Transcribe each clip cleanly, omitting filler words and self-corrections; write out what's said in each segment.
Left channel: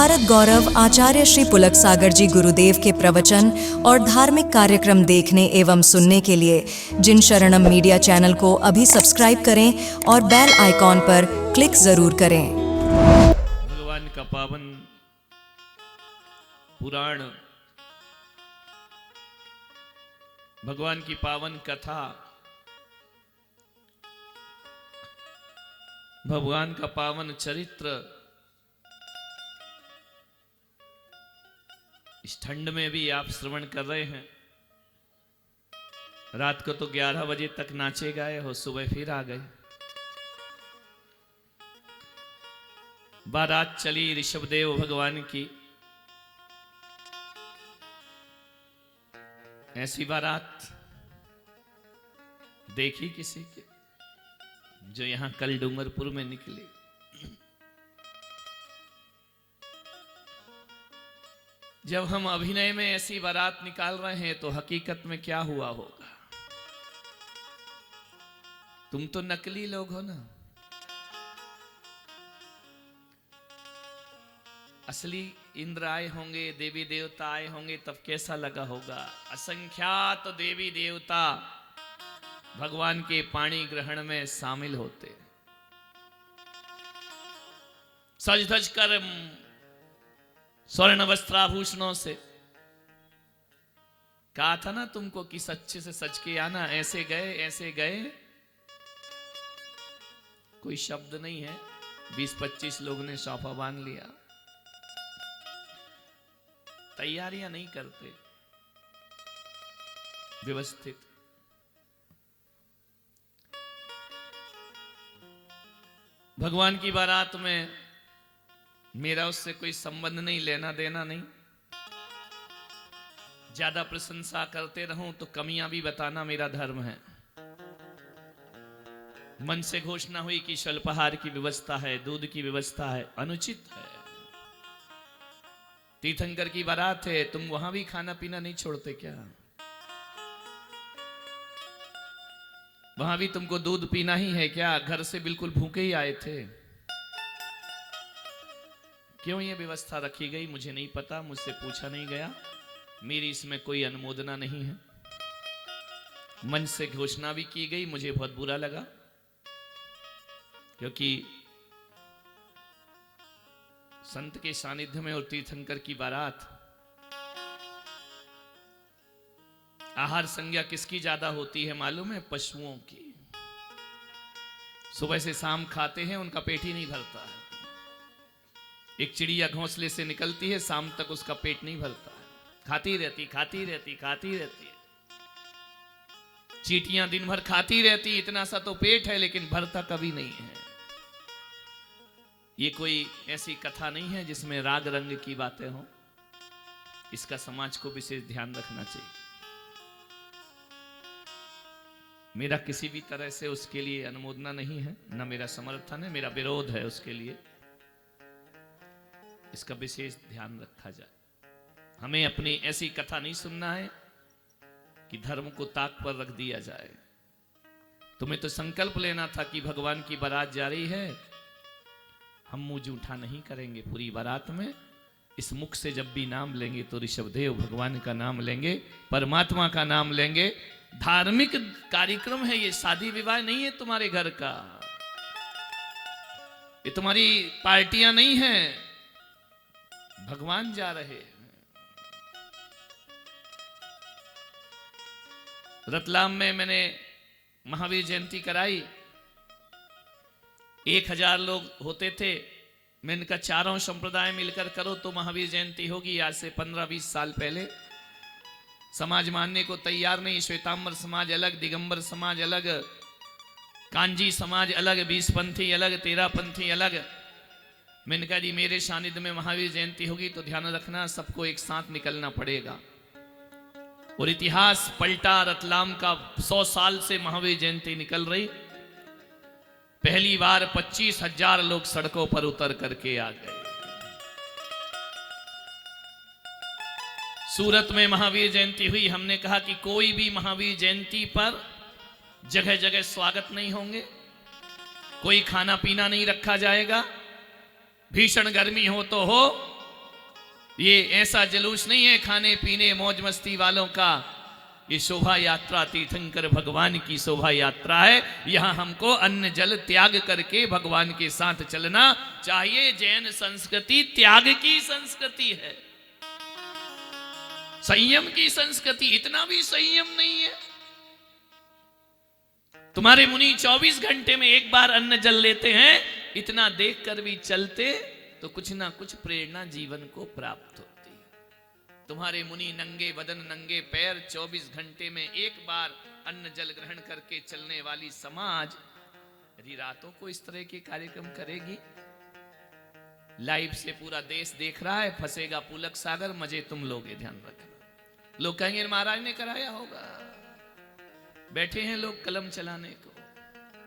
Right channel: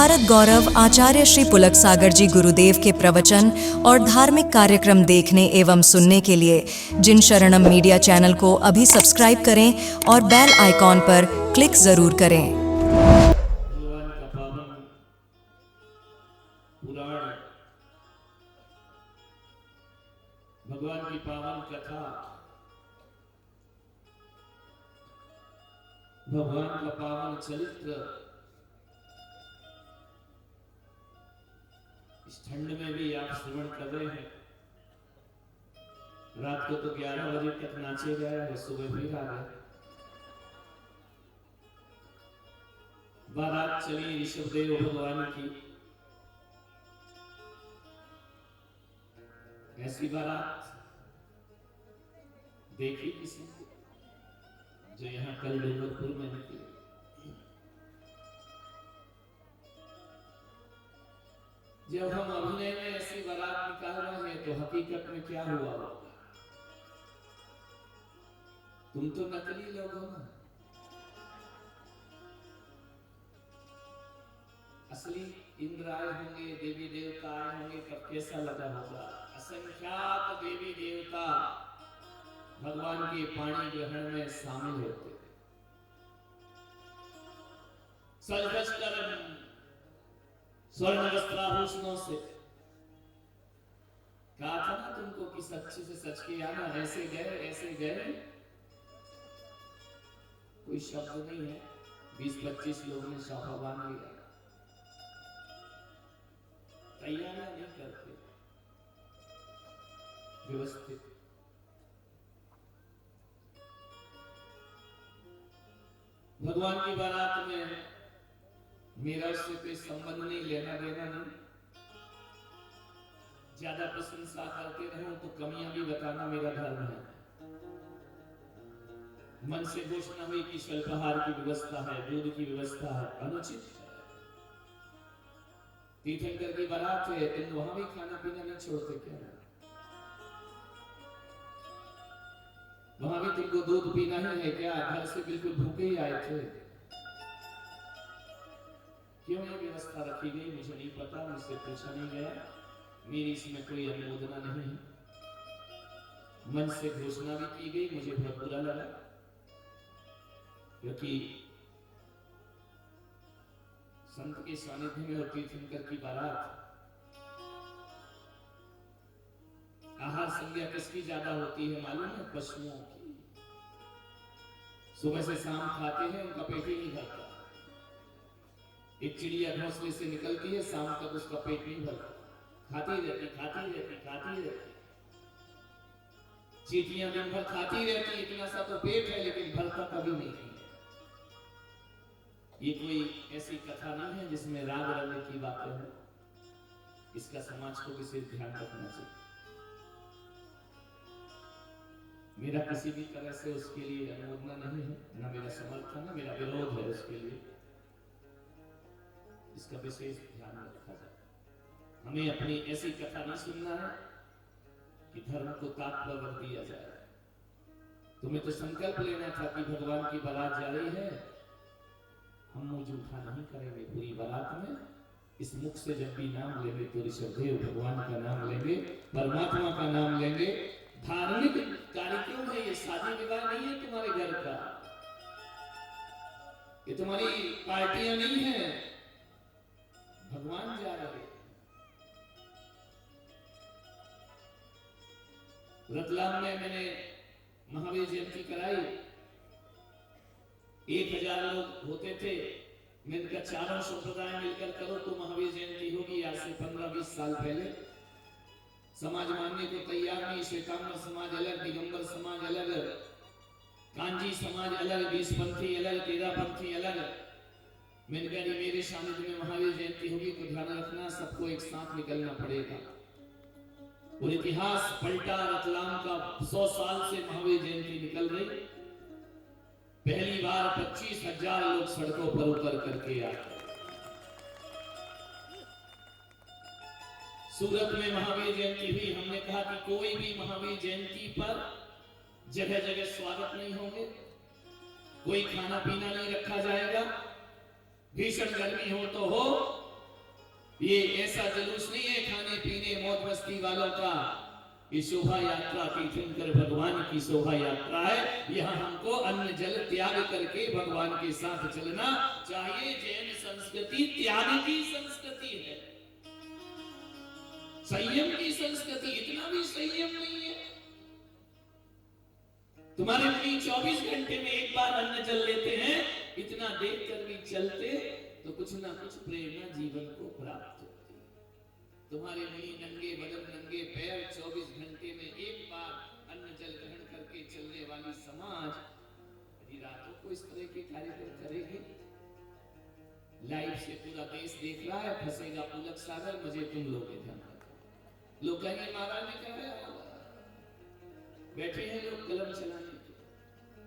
भारत गौरव आचार्य श्री पुलक सागर जी गुरुदेव के प्रवचन और धार्मिक कार्यक्रम देखने एवं सुनने के लिए जिन शरणम मीडिया चैनल को अभी सब्सक्राइब करें और बेल आइकॉन पर क्लिक जरूर करें। भगवान का पावन पुराण, भगवान की पावन कथा, भगवान का पावन चरित्र इस ठंड में भी आप श्रवण कर रहे हैं। रात को तो 11 बजे तक नाचे गए और सुबह फिर आ गए। बारात चली ऋषभदेव भगवान की। ऐसी बारात देखी किसी की जो यहां कल डूंगरपुर में निकली। जब हम अभिनय में ऐसी बारात निकाल रहे हैं तो हकीकत में क्या हुआ होगा? तुम तो नकली लोग हो ना। असली इंद्र आए होंगे, देवी देवता आए होंगे, तब कैसा लगा होगा? असंख्यात देवी देवता भगवान के पाणी ग्रहण में शामिल होते, सज धज कर स्वर्ण वस्त्राभूषणों से। कहा था ना तुमको कि सच्चे से सच के आना। ऐसे गए, कोई शब्द नहीं है। 20-25 लोग ने सौफा बांध लिया। तैयारियां नहीं करते व्यवस्थित। भगवान की बारात में मेरा उससे कोई संबंध नहीं, लेना देना नहीं। ज्यादा प्रशंसा करते रहूं तो कमियां भी बताना मेरा धर्म है। मन से घोषणा हुई कि स्वल्पाहार की व्यवस्था है, दूध की व्यवस्था है, अनुचित है। तीर्थंकर की बारात है, तुम वहां भी खाना पीना नहीं छोड़ते क्या? वहां भी तुमको दूध पीना ही है क्या? घर से बिल्कुल भूखे ही आए थे। क्यों ये व्यवस्था रखी गई मुझे नहीं पता, मुझसे पूछा नहीं गया, मेरी इसमें कोई अनुमोदना नहीं है। मंच से घोषणा भी की गई, मुझे बहुत बुरा लगा, क्योंकि संत के सानिध्य में और तीर्थंकर की बारात, आहार संज्ञा किसकी ज्यादा होती है मालूम है? पशुओं की। सुबह से शाम खाते हैं, उनका पेट ही नहीं भरता। एक चिड़िया घोंसले से निकलती है, शाम तक उसका पेट नहीं भरता, खाती रहती। चींटियां दिन भर खाती रहती, इतना सा तो पेट है, लेकिन भरता कभी नहीं है। ये कोई ऐसी कथा नहीं है जिसमें राग रंग की बातें हो। इसका समाज को विशेष ध्यान रखना चाहिए। मेरा किसी भी तरह से उसके लिए अनुमोदना नहीं है, न मेरा समर्थन है, मेरा विरोध है उसके लिए। इसका विशेष ध्यान रखा जाए। हमें अपनी ऐसी कथा नहीं सुनना है कि धर्म को ताक पर रख दिया जाए। तुम्हें तो संकल्प लेना था कि भगवान की बारात जा रही है, हम मुंह जूठा नहीं करेंगे पूरी बारात में। इस मुख से जब भी नाम लेंगे तो ऋषभदेव भगवान का नाम लेंगे, परमात्मा का नाम लेंगे। धार्मिक कार्यक्रम है ये, शादी विवाह नहीं है तुम्हारे घर का, ये तुम्हारी पार्टियां नहीं है। भगवान जा रहे हैं। रतलाम में मैंने महावीर जयंती कराई। 1000 लोग होते थे। मैंने कहा चारों संप्रदाय मिलकर करो तो महावीर जयंती होगी। आज से 15-20 साल पहले समाज मानने को तैयार नहीं। श्वेतांबर समाज अलग, दिगंबर समाज अलग, कांजी समाज अलग, 20 पंथी अलग, 13 पंथी अलग। मैंने कहा जी मेरे सानिध्य में महावीर जयंती होगी तो ध्यान रखना सबको एक साथ निकलना पड़ेगा। और इतिहास पलटा रतलाम का। 100 साल से महावीर जयंती निकल रही। पहली बार 25,000 लोग सड़कों पर उतर करके आ गए। सूरत में महावीर जयंती हुई। हमने कहा कि कोई भी महावीर जयंती पर जगह जगह स्वागत नहीं होंगे, कोई खाना पीना नहीं रखा जाएगा। भीषण गर्मी हो तो हो, ये ऐसा जुलूस नहीं है खाने पीने मौज मस्ती वालों का। ये शोभा यात्रा तीर्थंकर भगवान की शोभा यात्रा है। यहां हमको अन्न जल त्याग करके भगवान के साथ चलना चाहिए। जैन संस्कृति त्याग की संस्कृति है, संयम की संस्कृति। इतना भी संयम नहीं है। तुम्हारे मुनि 24 घंटे में एक बार अन्न जल लेते हैं। इतना देखकर भी चलते तो कुछ ना कुछ प्रेरणा जीवन को प्राप्त होती है। तुम्हारे मुनि नंगे बदन नंगे पैर 24 घंटे में एक बार अन्न जल ग्रहण करके चलने वाली समाज यदि रातों को इस तरह के कार्यक्रम करेगी। लाइव से पूरा देश देख रहा है, फंसेगा पुलक सागर, मजे तुम लोगे। ध्यान रखना, लोग कहेंगे महाराज ने कराया होगा। बैठे हैं लोग कलम चलाने को,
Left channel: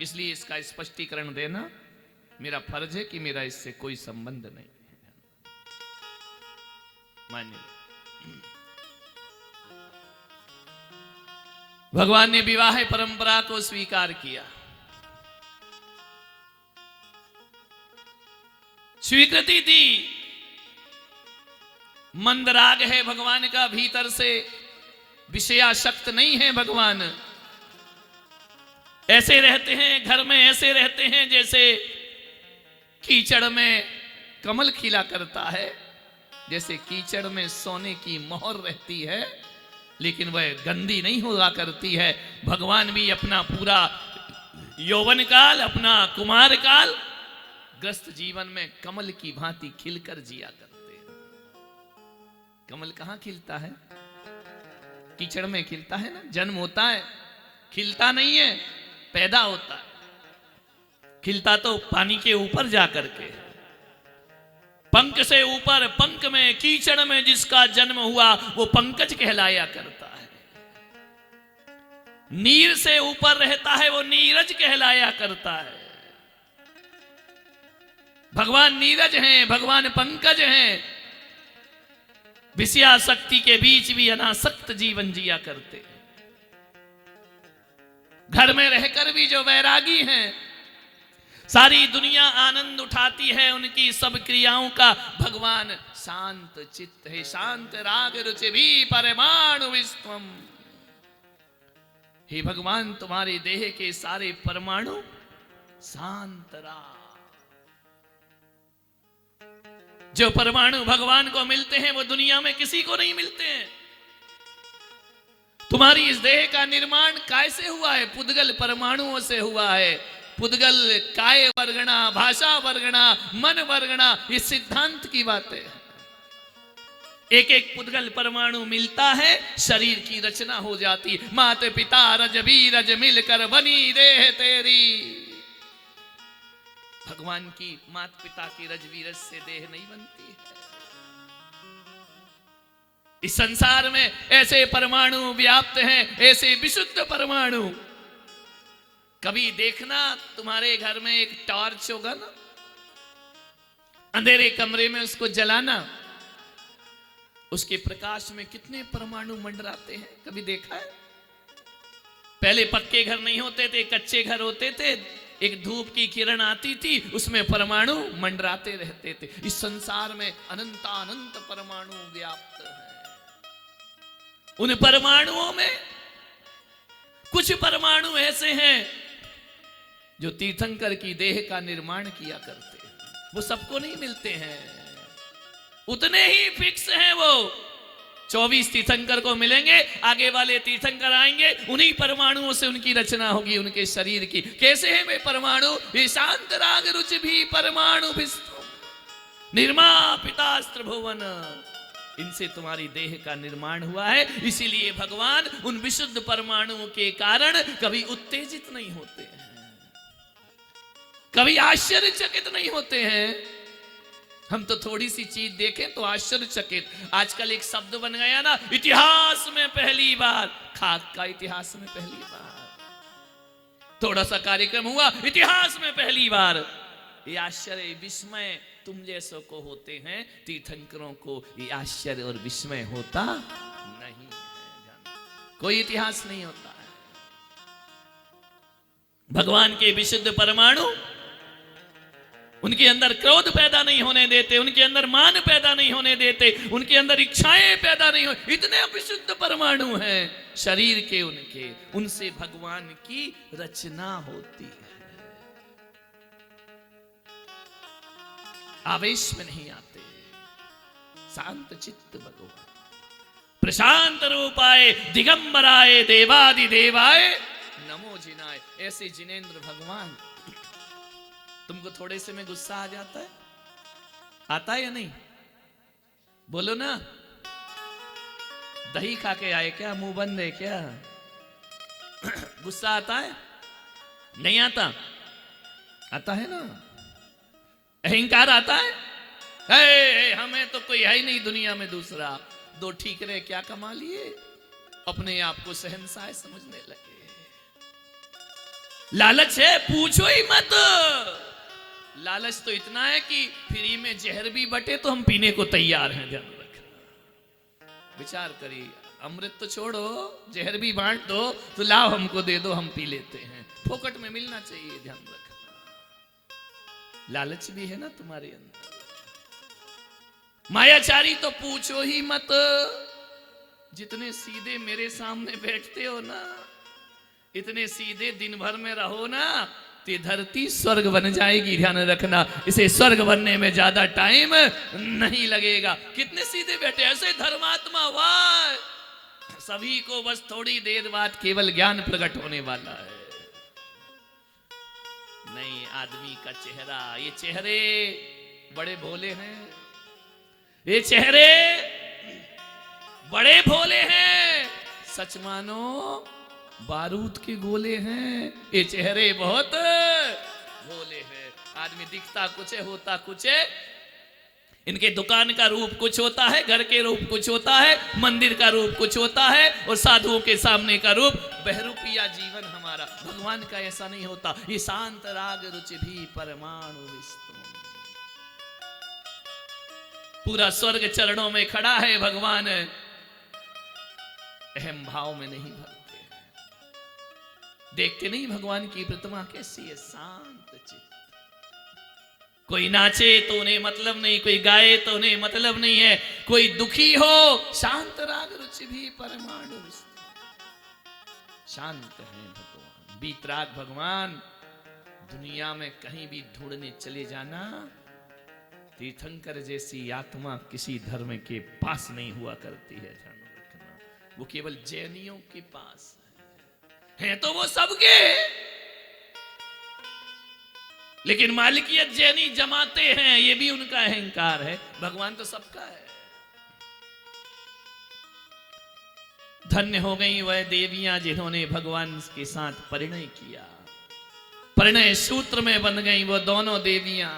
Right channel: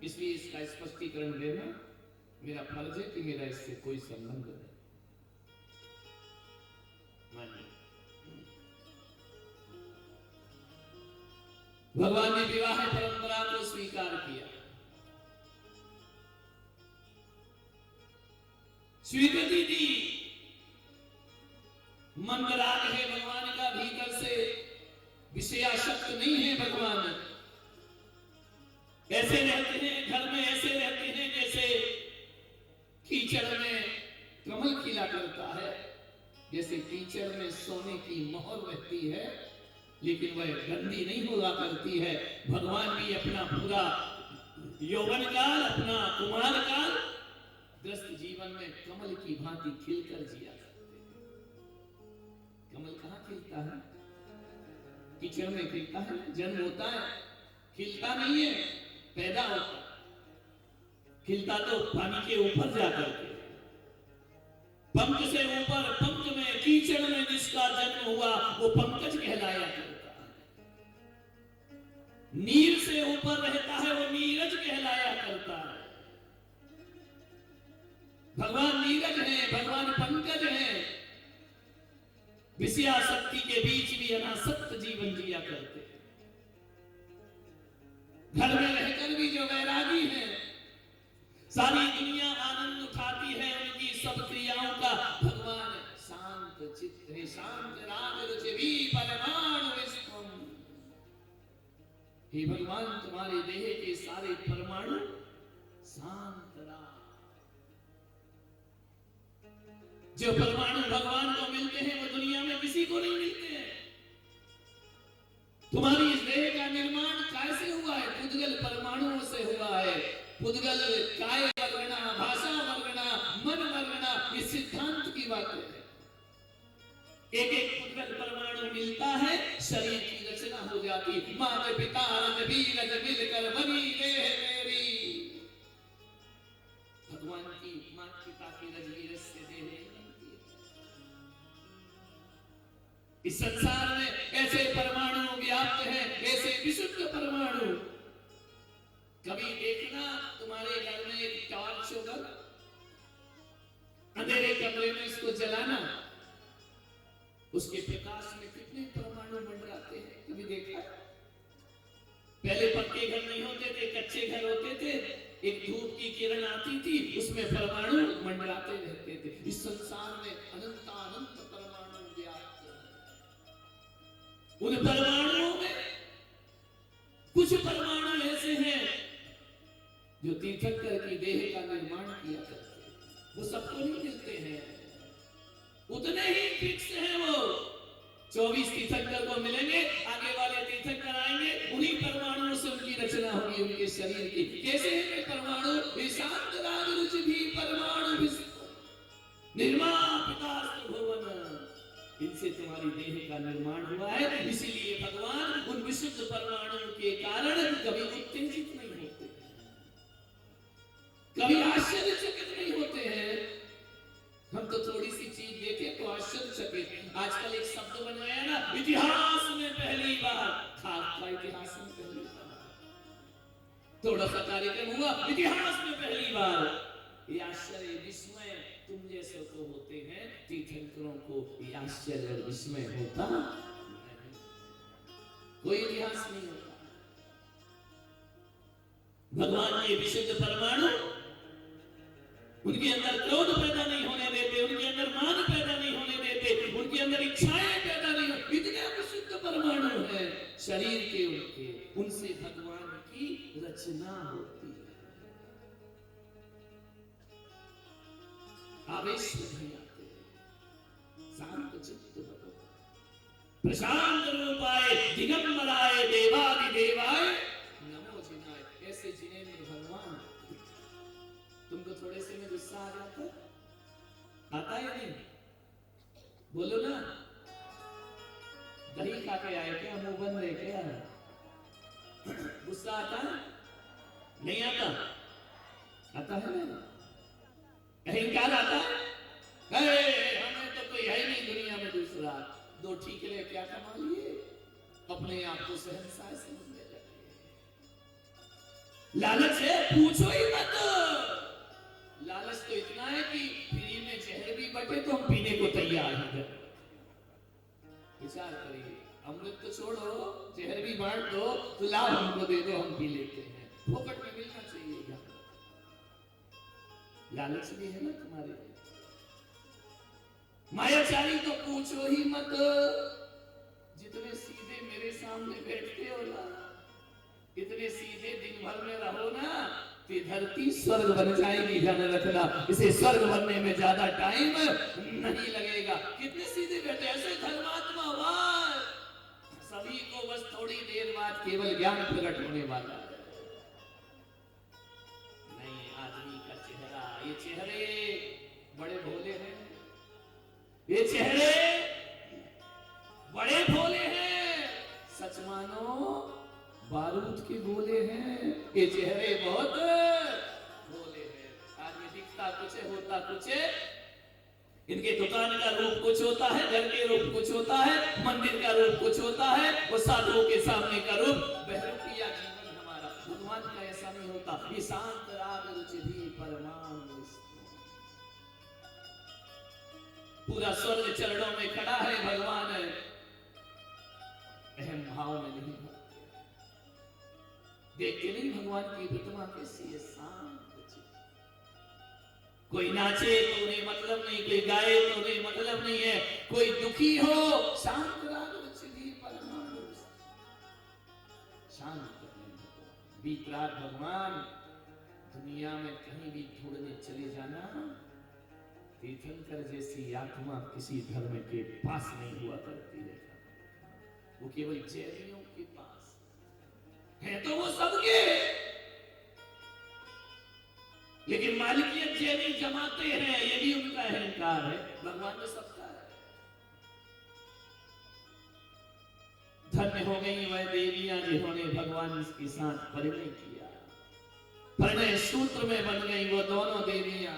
इसलिए इसका स्पष्टीकरण देना मेरा फर्ज है कि मेरा इससे कोई संबंध नहीं है। मानिए, भगवान ने विवाह परंपरा को स्वीकार किया, स्वीकृति दी। मंदराग है भगवान का, भीतर से विषयाशक्त नहीं है भगवान। ऐसे रहते हैं घर में, ऐसे रहते हैं जैसे कीचड़ में कमल खिला करता है, जैसे कीचड़ में सोने की मोहर रहती है लेकिन वह गंदी नहीं हुआ करती है। भगवान भी अपना पूरा यौवन काल, अपना कुमार काल ग्रस्त जीवन में कमल की भांति खिलकर जिया करते हैं। कमल कहां खिलता है? कीचड़ में खिलता है ना। जन्म होता है, खिलता नहीं है, पैदा होता है। खिलता तो पानी के ऊपर जाकर के, पंख से ऊपर, पंख में कीचड़ में जिसका जन्म हुआ वो पंकज कहलाया करता है। नीर से ऊपर रहता है वो नीरज कहलाया करता है। भगवान नीरज हैं, भगवान पंकज हैं। विषयाशक्ति के बीच भी अनासक्त जीवन जिया करते हैं। घर में रहकर भी जो वैरागी हैं, सारी दुनिया आनंद उठाती है उनकी सब क्रियाओं का। भगवान शांत चित्त है, शांत राग रुचि भी परमाणु विश्वम। हे भगवान, तुम्हारे देह के सारे परमाणु शांत राग। जो परमाणु भगवान को मिलते हैं वो दुनिया में किसी को नहीं मिलते हैं। तुम्हारी इस देह का निर्माण कैसे हुआ है? पुद्गल परमाणुओं से हुआ है। पुद्गल काय वर्गणा, भाषा वर्गणा, मन वर्गणा, ये सिद्धांत की बातें हैं। एक एक पुद्गल परमाणु मिलता है, शरीर की रचना हो जाती। माते पिता रज बीरज मिलकर बनी देह तेरी। भगवान की माता पिता की रजवीरज से देह नहीं बनती है। इस संसार में ऐसे परमाणु व्याप्त हैं, ऐसे विशुद्ध परमाणु। कभी देखना, तुम्हारे घर में एक टॉर्च होगा ना, अंधेरे कमरे में उसको जलाना, उसके प्रकाश में कितने परमाणु मंडराते हैं। कभी देखा है? पहले पक्के घर नहीं होते थे, कच्चे घर होते थे। एक धूप की किरण आती थी, उसमें परमाणु मंडराते रहते थे। इस संसार में अनंतानंत परमाणु व्याप्त हैं। उन परमाणुओं में कुछ परमाणु ऐसे हैं जो तीर्थंकर की देह का निर्माण किया करते हैं। वो सबको नहीं मिलते हैं, उतने ही फिक्स हैं वो। 24 तीर्थंकर को मिलेंगे, आगे वाले तीर्थंकर आएंगे, उन्हीं परमाणुओं से उनकी रचना होगी उनके शरीर की। कैसे हैं वे परमाणु? ये शांत राग रुचि भी परमाणु विष्णु निर्मापितास्त्र भुवन। इनसे तुम्हारी देह का निर्माण हुआ है। इसीलिए भगवान उन विशुद्ध परमाणुओं के कारण कभी उत्तेजित नहीं होते हैं, कभी आश्चर्यचकित नहीं होते हैं। हम तो थोड़ी सी चीज देखें तो आश्चर्यचकित। आजकल एक शब्द बन गया ना, इतिहास में पहली बार। खाक का इतिहास में पहली बार। थोड़ा सा कार्यक्रम हुआ, इतिहास में पहली बार। ये आश्चर्य विस्मय तुम जैसों को होते हैं, तीर्थंकरों को ये आश्चर्य और विस्मय होता नहीं है। कोई इतिहास नहीं होता है। भगवान के विशुद्ध परमाणु उनके अंदर क्रोध पैदा नहीं होने देते, उनके अंदर मान पैदा नहीं होने देते, उनके अंदर इच्छाएं पैदा नहीं हो। इतने विशुद्ध परमाणु हैं शरीर के उनके, उनसे भगवान की रचना होती है। आवेश में नहीं आते, शांत चित्त भगवान, प्रशांत रूपाय दिगंबराय देवादि देवाय नमो जिनाय। ऐसे जिनेंद्र भगवान। तुमको थोड़े से में गुस्सा आ जाता है, आता है या नहीं? बोलो ना। दही खा के आए क्या, मुंह बंद है क्या? गुस्सा आता है? नहीं आता? आता है ना। अहंकार आता है? हमें तो कोई है ही नहीं दुनिया में दूसरा, दो ठीकरे क्या कमा लिए, अपने आप को शहंशाह समझने लगे। लालच है, पूछो ही मत। लालच तो इतना है कि फ्री में जहर भी बटे तो हम पीने को तैयार हैं। ध्यान रखना, विचार करिए। अमृत तो छोड़ो, जहर भी बांट दो तो लाओ हमको दे दो, हम पी लेते हैं। फोकट में मिलना चाहिए, ध्यान रखना। लालच भी है ना तुम्हारे अंदर। मायाचारी तो पूछो ही मत। जितने सीधे मेरे सामने बैठते हो ना, इतने सीधे दिन भर में रहो ना, तो धरती स्वर्ग बन जाएगी। ध्यान रखना, इसे स्वर्ग बनने में ज्यादा टाइम नहीं लगेगा। कितने सीधे बैठे, ऐसे धर्मात्मा। वाह, सभी को बस थोड़ी देर बाद केवल ज्ञान प्रकट होने वाला है। नहीं, आदमी का चेहरा, ये चेहरे बड़े भोले हैं, ये चेहरे बड़े भोले हैं। सच मानो बारूद के गोले हैं, ये चेहरे बहुत भोले हैं। आदमी दिखता कुछ है, होता कुछ है। इनके दुकान का रूप कुछ होता है, घर के रूप कुछ होता है, मंदिर का रूप कुछ होता है, और साधुओं के सामने का रूप बहरूपिया जीवन हमारा। भगवान का ऐसा नहीं होता। ये शांत राग रुचि भी परमाणु पूरा स्वर्ग चरणों में खड़ा है। भगवान अहम भाव में नहीं भरते, देखते नहीं भगवान की प्रतिमा कैसी है, शांत चित्त। कोई नाचे तो उन्हें मतलब नहीं, कोई गाए तो उन्हें मतलब नहीं है, कोई दुखी हो, शांत राग रुचि भी परमाणु। शांत है भगवान, बीतराग भगवान। दुनिया में कहीं भी ढूंढने चले जाना, तीर्थंकर जैसी आत्मा किसी धर्म के पास नहीं हुआ करती है। वो केवल जैनियों के पास है, तो वो सबके, लेकिन मालिकियत जैनी जमाते हैं, ये भी उनका अहंकार है। भगवान तो सबका है। धन्य हो गई वह देवियां जिन्होंने भगवान के साथ परिणय किया। परिणय सूत्र में बन गई वो दोनों देवियां।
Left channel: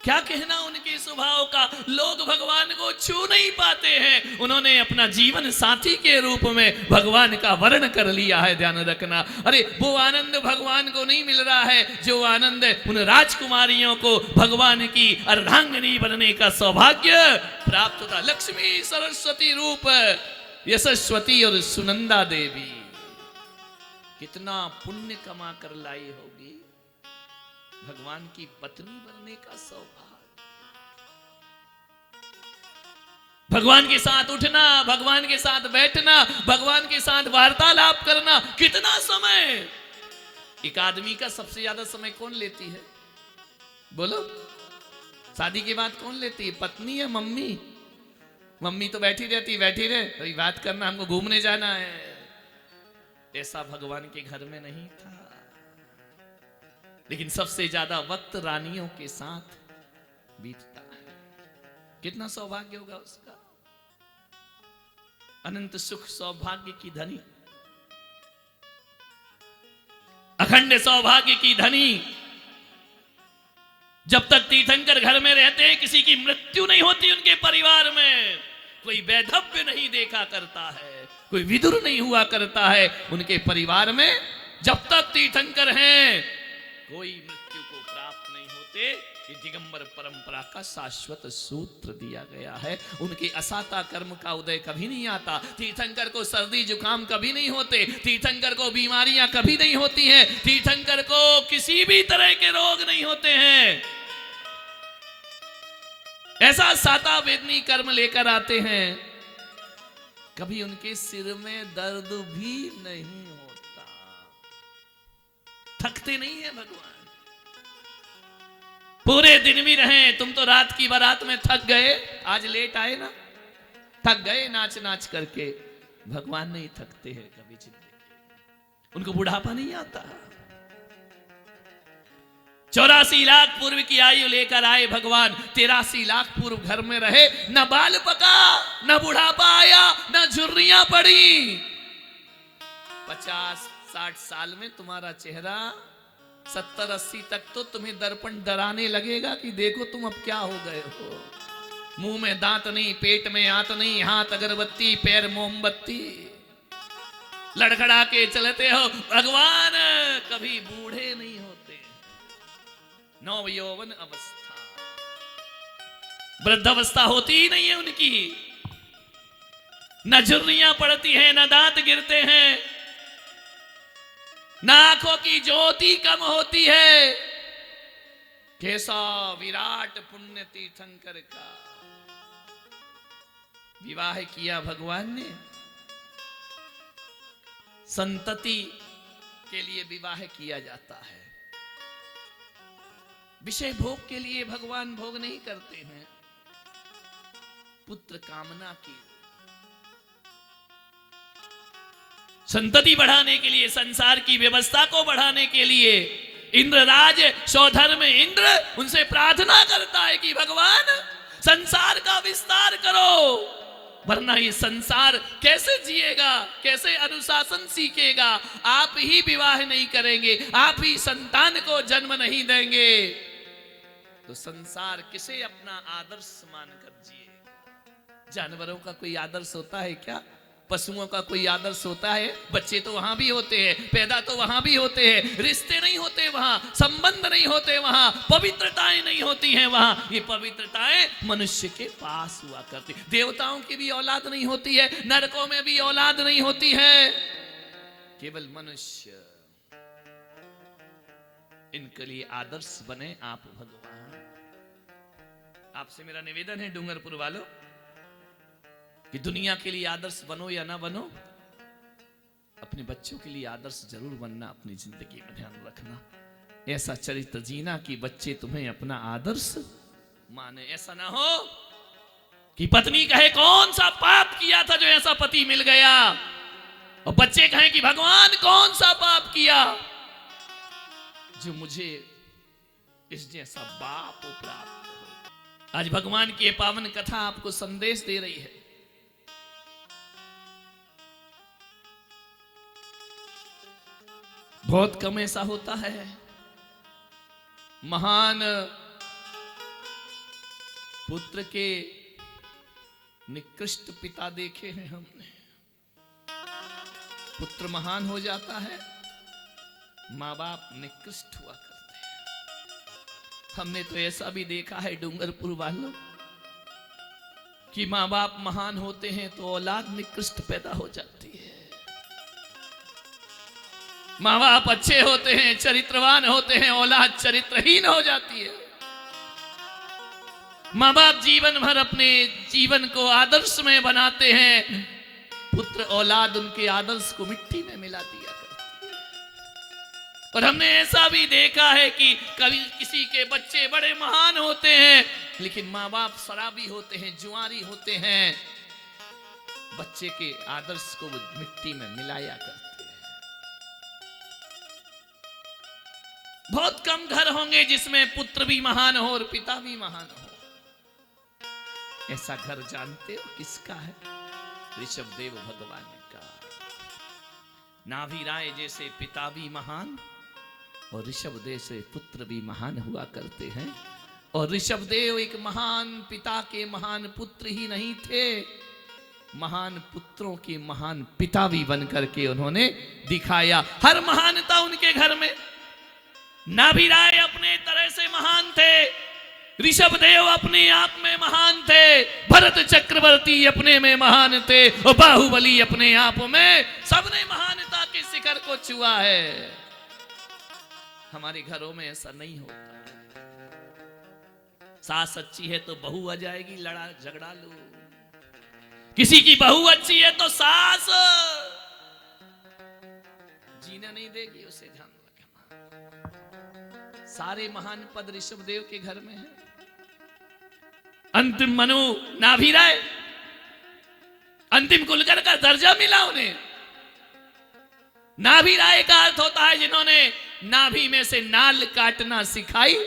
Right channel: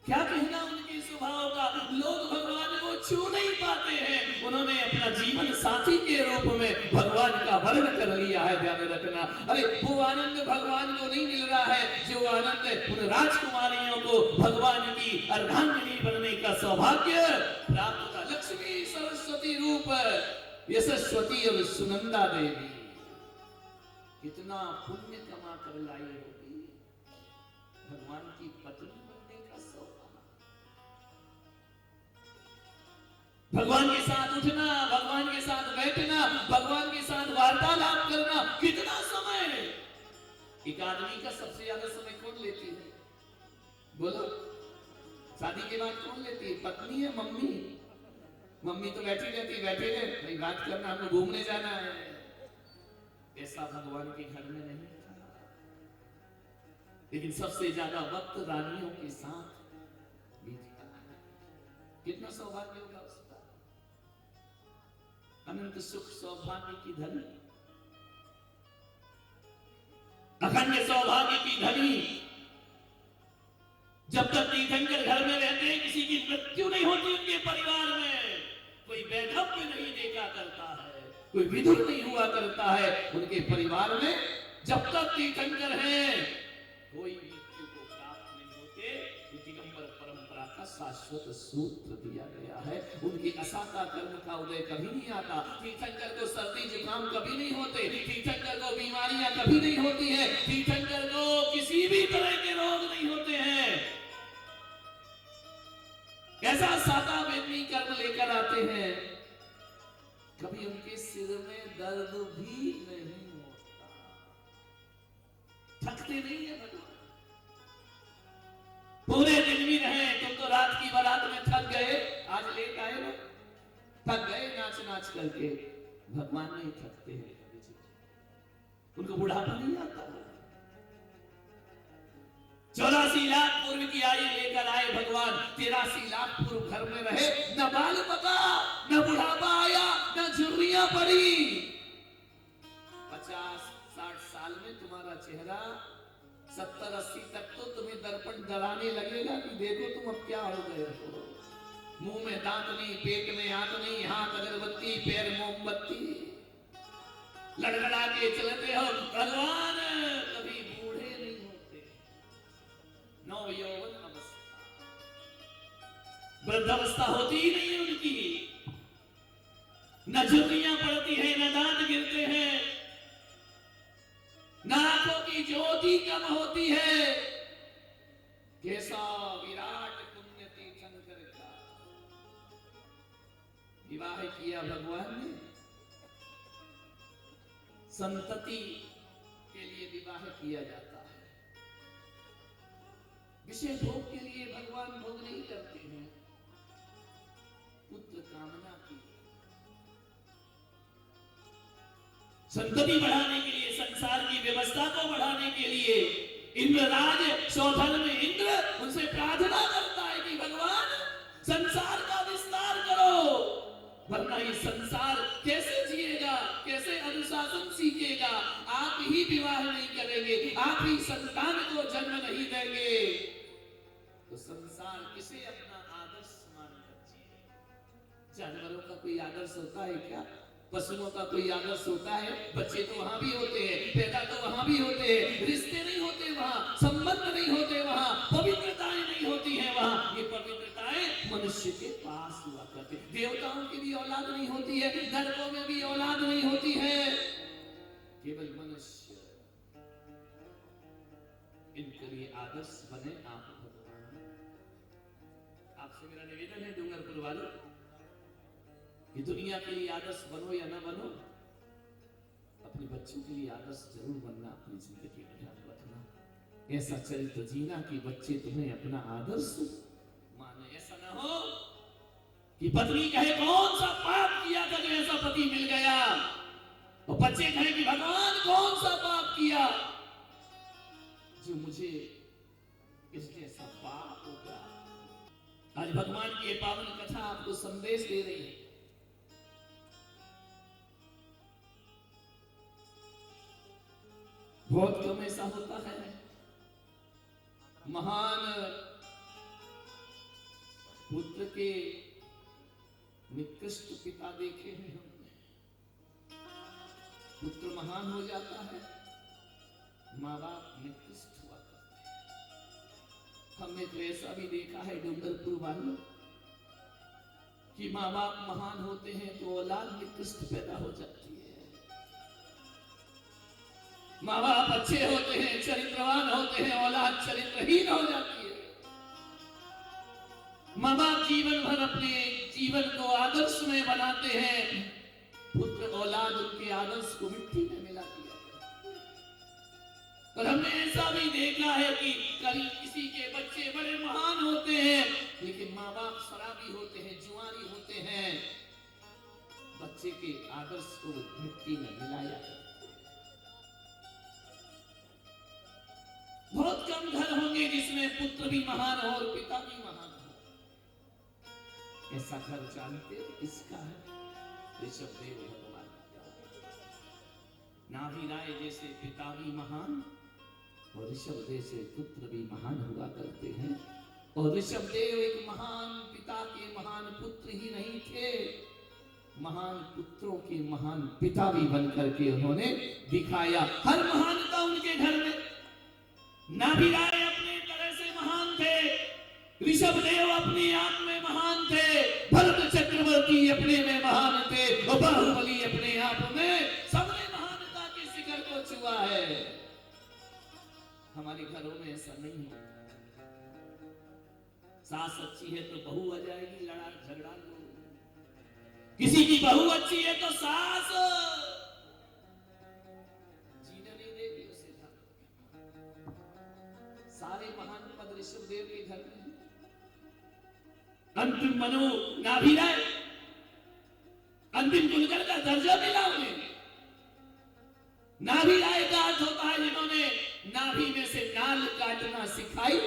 क्या कहना उनके स्वभाव का, लोग भगवान को छू नहीं पाते हैं, उन्होंने अपना जीवन साथी के रूप में भगवान का वर्ण कर लिया है। ध्यान रखना, अरे वो आनंद भगवान को नहीं मिल रहा है जो आनंद उन राजकुमारियों को भगवान की अर्धांगिनी बनने का सौभाग्य प्राप्त होता। लक्ष्मी सरस्वती रूप यशस्वती और सुनंदा देवी कितना पुण्य कमा कर लाई होगी भगवान की पत्नी बनने का सौभाग्य। भगवान के साथ उठना, भगवान के साथ बैठना, भगवान के साथ वार्तालाप करना, कितना समय। एक आदमी का सबसे ज्यादा समय कौन लेती है? बोलो, शादी के बाद कौन लेती है? पत्नी या मम्मी? मम्मी तो बैठी रहती, बैठी रहे, कोई बात करना, हमको घूमने जाना है। ऐसा भगवान के घर में नहीं था। लेकिन सबसे ज्यादा वक्त रानियों के साथ बीतता है। कितना सौभाग्य होगा उसका। अनंत सुख सौभाग्य की धनी, अखंड सौभाग्य की धनी। जब तक तीर्थंकर घर में रहते हैं, किसी की मृत्यु नहीं होती उनके परिवार में, कोई वैधव्य नहीं देखा करता है, कोई विदुर नहीं हुआ करता है उनके परिवार में। जब तक तीर्थंकर हैं, कोई मृत्यु को प्राप्त नहीं होते। ये दिगंबर परंपरा का का शाश्वत सूत्र दिया गया है। उनके असाता कर्म का उदय कभी नहीं आता। तीर्थंकर को सर्दी जुकाम कभी नहीं होते, तीर्थंकर को बीमारियां कभी नहीं होती हैं, तीर्थंकर को किसी भी तरह के रोग नहीं होते हैं। ऐसा साता वेदनी कर्म लेकर आते हैं, कभी उनके सिर में दर्द भी नहीं होता, थकते नहीं है भगवान। पूरे दिन भी रहे, तुम तो रात की बारात में थक गए, आज लेट आए ना, थक गए नाच नाच करके। भगवान नहीं थकते हैं कभी जिंदगी, उनको बुढ़ापा नहीं आता। 84 लाख पूर्व की आयु लेकर आए भगवान, 83 लाख पूर्व घर में रहे, न बाल पका, न बुढ़ापा आया, न झुर्रियां पड़ी। 50-60 साल में तुम्हारा चेहरा 70-80 तक तो तुम्हें दर्पण डराने लगेगा कि देखो तुम अब क्या हो गए हो। मुंह में दांत नहीं, पेट में आंत नहीं, हाथ अगरबत्ती, पैर मोमबत्ती, लड़खड़ा के चलते हो। भगवान कभी बूढ़े नहीं होते। नव यौवन अवस्था, वृद्धावस्था होती ही नहीं है उनकी। न झुर्रियां पड़ती हैं, न दांत गिरते हैं, न आंखों की ज्योति कम होती है। कैसा विराट पुण्य तीर्थंकर का विवाह किया भगवान ने। संतति के लिए विवाह किया जाता है, विषय भोग के लिए भगवान भोग नहीं करते हैं। पुत्र कामना की, संतति बढ़ाने के लिए, संसार की व्यवस्था को बढ़ाने के लिए इंद्रराज स्वधर्म इंद्र उनसे प्रार्थना करता है कि भगवान संसार का विस्तार करो, वरना ये संसार कैसे जिएगा, कैसे अनुशासन सीखेगा। आप ही विवाह नहीं करेंगे, आप ही संतान को जन्म नहीं देंगे, तो संसार किसे अपना आदर्श मानकर जिए। जानवरों का कोई आदर्श होता है क्या? पशुओं का कोई आदर्श होता है? बच्चे तो वहां भी होते हैं, पैदा तो वहां भी होते हैं, रिश्ते नहीं होते वहां, संबंध नहीं होते वहां, पवित्रताएं नहीं होती हैं वहां। ये पवित्रताएं मनुष्य के पास हुआ करती। देवताओं की भी औलाद नहीं होती है, नरकों में भी औलाद नहीं होती है, केवल मनुष्य। इनके लिए आदर्श बने आप भगवान। आपसे मेरा निवेदन है डूंगरपुर वालों कि दुनिया के लिए आदर्श बनो या ना बनो, अपने बच्चों के लिए आदर्श जरूर बनना। अपनी जिंदगी में ध्यान रखना, ऐसा चरित्र जीना कि बच्चे तुम्हें अपना आदर्श माने। ऐसा ना हो कि पत्नी कहे कौन सा पाप किया था जो ऐसा पति मिल गया, और बच्चे कहें कि भगवान कौन सा पाप किया जो मुझे इस जैसा बाप प्राप्त। आज भगवान की ये पावन कथा आपको संदेश दे रही है। बहुत कम ऐसा होता है। महान पुत्र के निकृष्ट पिता देखे हैं हमने। पुत्र महान हो जाता है, माँ बाप निकृष्ट हुआ करते हैं। हमने तो ऐसा भी देखा है डूंगरपुर वालों कि माँ बाप महान होते हैं तो औलाद निकृष्ट पैदा हो जाती है। माँ बाप अच्छे होते हैं, चरित्रवान होते हैं, औलाद चरित्रहीन हो जाती है। माँ बाप जीवन भर अपने जीवन को आदर्श में बनाते हैं, पुत्र औलाद उनके आदर्श को मिट्टी में मिला दिया करती है। और हमने ऐसा भी देखा है कि कभी किसी के बच्चे बड़े महान होते हैं, लेकिन माँ बाप शराबी होते हैं, जुआरी होते हैं, बच्चे के आदर्श को मिट्टी में मिलाया करते हैं। बहुत कम घर होंगे जिसमें पुत्र भी महान हो और पिता भी महान हो। ऐसा घर जानते हो किसका है? ऋषभदेव भगवान का। नाभि राय जैसे पिता भी महान और ऋषभदेव से पुत्र भी महान हुआ करते हैं। और ऋषभदेव एक महान पिता के महान पुत्र ही नहीं थे, महान पुत्रों के महान पिता भी बनकर के उन्होंने दिखाया। हर महानता उनके घर में। नाभि राय अपने तरह से महान थे, ऋषभ देव अपने आप में महान थे, भरत चक्रवर्ती अपने में महान थे, और बाहुबली अपने आप में, सबने महानता के शिखर को छुआ है। हमारे घरों में ऐसा नहीं होता। सास अच्छी है तो बहू आ जाएगी, लड़ा झगड़ा लो। किसी की बहू अच्छी है तो सास जीने नहीं देगी, उसे ध्यान रखना। सारे महान पद ऋषभ देव के घर में है। अंतिम मनु नाभि राय, अंतिम कुलकर का दर्जा मिला उन्हें। नाभि राय का अर्थ होता है जिन्होंने नाभि में से नाल काटना सिखाई,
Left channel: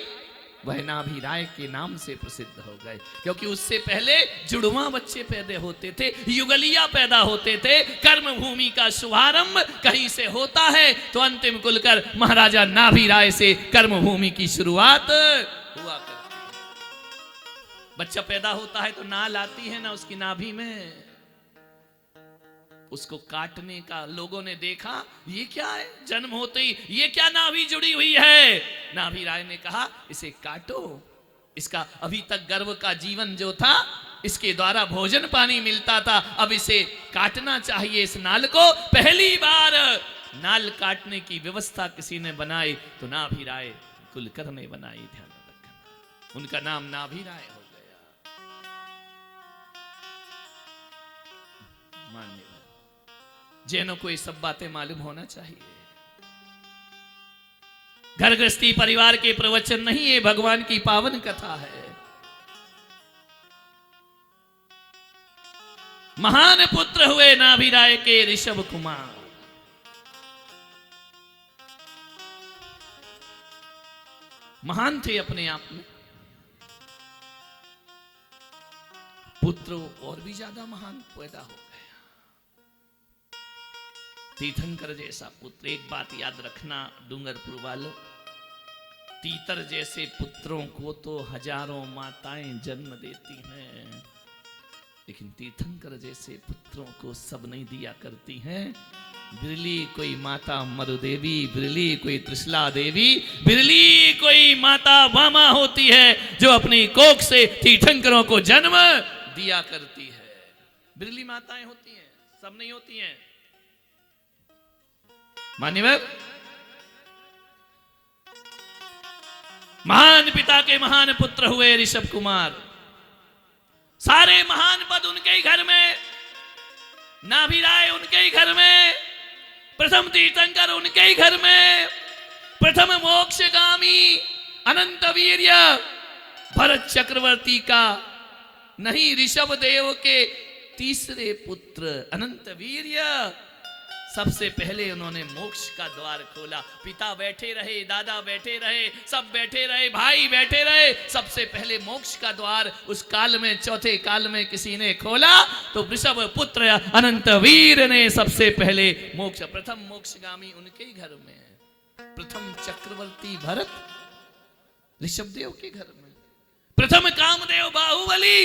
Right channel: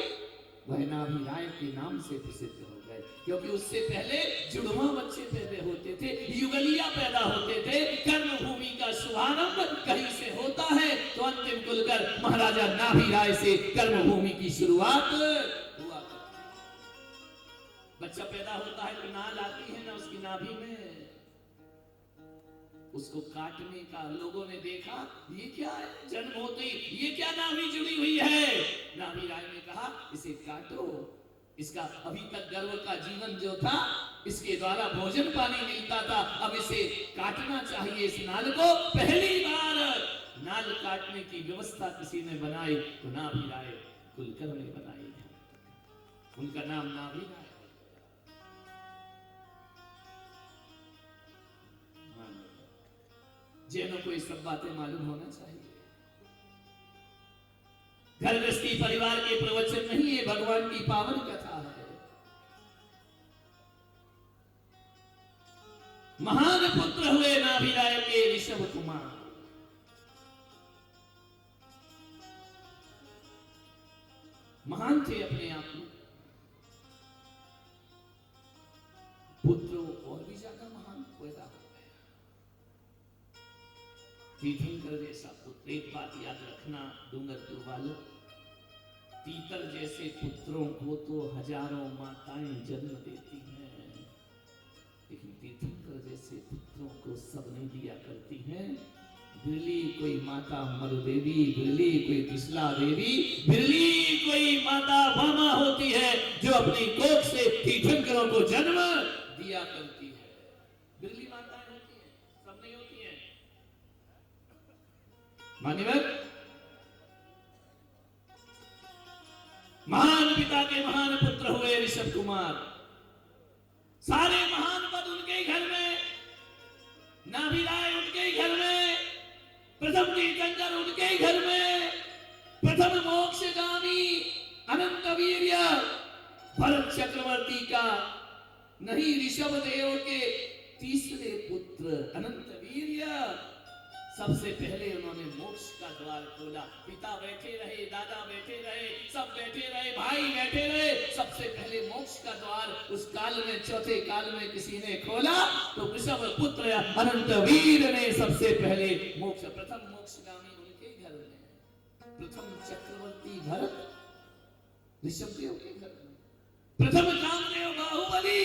वह नाभि राय के नाम से प्रसिद्ध हो गए। क्योंकि उससे पहले जुड़वा बच्चे पैदा होते थे, युगलिया पैदा होते थे। कर्म भूमि का शुभारंभ कहीं से होता है, तो अंतिम कुलकर महाराजा नाभि राय से कर्म भूमि की शुरुआत हुआ करती। बच्चा पैदा होता है तो नाल आती है ना उसकी नाभि में, उसको काटने का लोगों ने देखा, ये क्या है, जन्म होते ही ये क्या नाभि जुड़ी हुई है। नाभि राय ने कहा इसे काटो, इसका अभी तक गर्भ का जीवन जो था, इसके द्वारा भोजन पानी मिलता था, अब इसे काटना चाहिए इस नाल को। पहली बार नाल काटने की व्यवस्था किसी ने बनाई तो नाभि राय कुलकर ने बनाई। ध्यान रखना, उनका नाम नाभि राय हो गया। जैनों को ये सब बातें मालूम होना चाहिए। घर गृहस्थी परिवार के प्रवचन नहीं, ये भगवान की पावन कथा है। महान पुत्र हुए नाभि राय के ऋषभ कुमार। महान थे अपने आप में, पुत्र और भी ज्यादा महान पैदा हो गया। तीर्थंकर जैसा पुत्र, एक बात याद रखना डूंगरपुर वालों, तीतर जैसे पुत्रों को तो हजारों माताएं जन्म देती हैं, लेकिन तीर्थंकर जैसे पुत्रों को सब नहीं दिया करती हैं। बिरली कोई माता मरुदेवी, बिरली कोई त्रिशला देवी, बिरली कोई माता वामा होती है जो अपनी कोख से तीर्थंकरों को जन्म दिया करती है। बिरली माताएं होती हैं, सब नहीं होती हैं। मान्यवर, महान पिता के महान पुत्र हुए ऋषभ कुमार। सारे महान पद उनके ही घर में, नाभि राय उनके ही घर में, प्रथम तीर्थंकर उनके ही घर में, प्रथम मोक्षगामी अनंत वीर्य भरत चक्रवर्ती का नहीं, ऋषभ देव के तीसरे पुत्र अनंत वीर्य। सबसे पहले उन्होंने मोक्ष का द्वार खोला। पिता बैठे रहे, दादा बैठे रहे, सब बैठे रहे, भाई बैठे रहे, सबसे पहले मोक्ष का द्वार उस काल में, चौथे काल में किसी ने खोला तो ऋषभ पुत्र अनंत वीर ने सबसे पहले मोक्ष, प्रथम मोक्षगामी उनके ही घर में, प्रथम चक्रवर्ती भरत ऋषभ देव के घर में, प्रथम कामदेव बाहुबली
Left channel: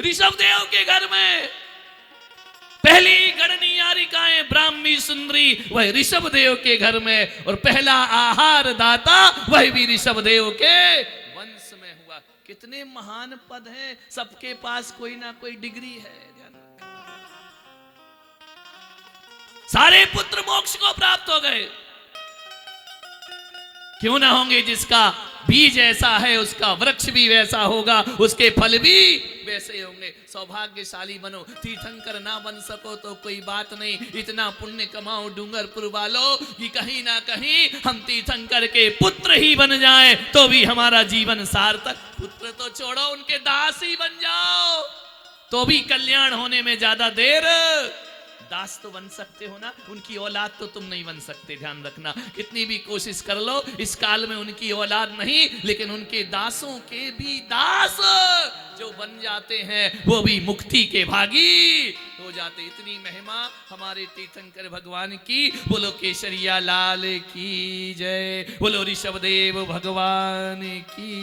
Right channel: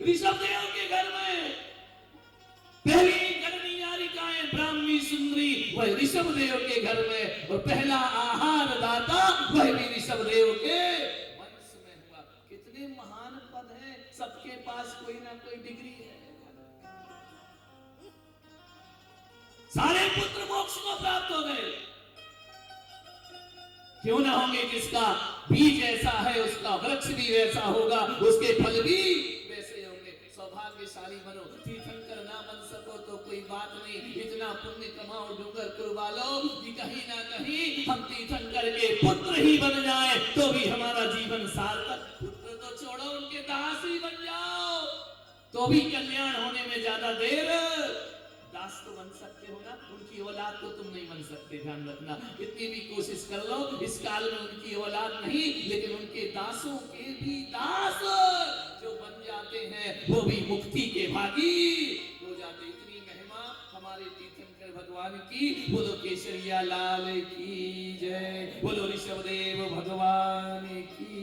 ऋषभ देव के घर में, पहली गणनीयारिकाएं ब्राह्मी सुंदरी वह ऋषभ देव के घर में, और पहला आहार दाता वह भी ऋषभ देव के वंश में हुआ। कितने महान पद हैं, सबके पास कोई ना कोई डिग्री है। सारे पुत्र मोक्ष को प्राप्त हो गए। क्यों ना होंगे? जिसका बीज ऐसा है उसका वृक्ष भी वैसा होगा, उसके फल भी वैसे होंगे। सौभाग्यशाली बनो, तीर्थंकर ना बन सको तो कोई बात नहीं, इतना पुण्य कमाओ डूंगरपुर वालों कि कहीं ना कहीं हम तीर्थंकर के पुत्र ही बन जाएं तो भी हमारा जीवन सार्थक। पुत्र तो छोड़ो, उनके दास ही बन जाओ तो भी कल्याण होने में ज्यादा देर। दास तो बन सकते हो ना, उनकी औलाद तो तुम नहीं बन सकते, ध्यान रखना। कितनी भी कोशिश कर लो, इस काल में उनकी औलाद नहीं, लेकिन उनके दासों के भी दास जो बन जाते हैं वो भी मुक्ति के भागी हो जाते। इतनी महिमा हमारे तीर्थंकर भगवान की। बोलो केसरिया लाल की जय, बोलो ऋषभदेव भगवान की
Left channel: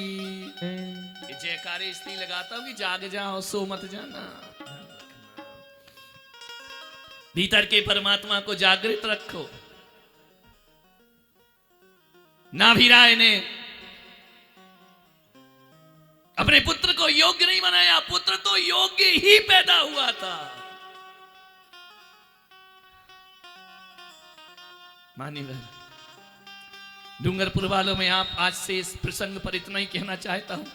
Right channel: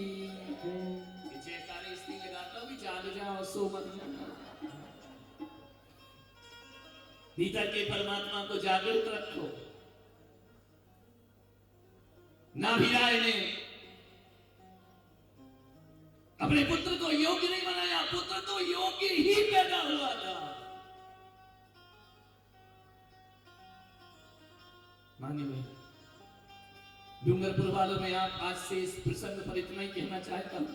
जयकारे इसलिए लगाता हूं कि जाग जाओ, सो मत जाना। भीतर के परमात्मा को जागृत रखो। नाभि राय ने अपने पुत्र को योग्य नहीं बनाया, पुत्र तो योग्य ही पैदा हुआ था। मानिए डूंगरपुर वालों में आप आज से इस प्रसंग पर इतना ही कहना चाहता हूं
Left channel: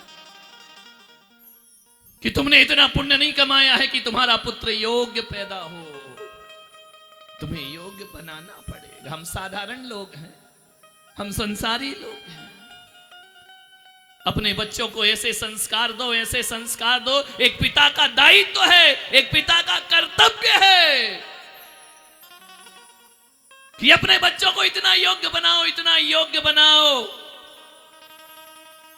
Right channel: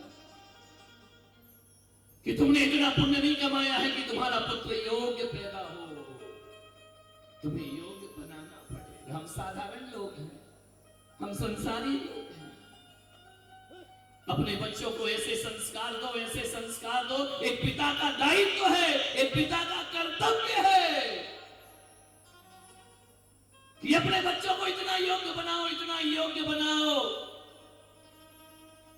कि तुमने इतना पुण्य नहीं कमाया है कि तुम्हारा पुत्र योग्य पैदा हो, तुम्हें योग्य बनाना पड़ेगा। हम साधारण लोग हैं, हम संसारी लोग हैं। अपने बच्चों को ऐसे संस्कार दो, ऐसे संस्कार दो। एक पिता का दायित्व है, एक पिता का कर्तव्य है कि अपने बच्चों को इतना योग्य बनाओ, इतना योग्य बनाओ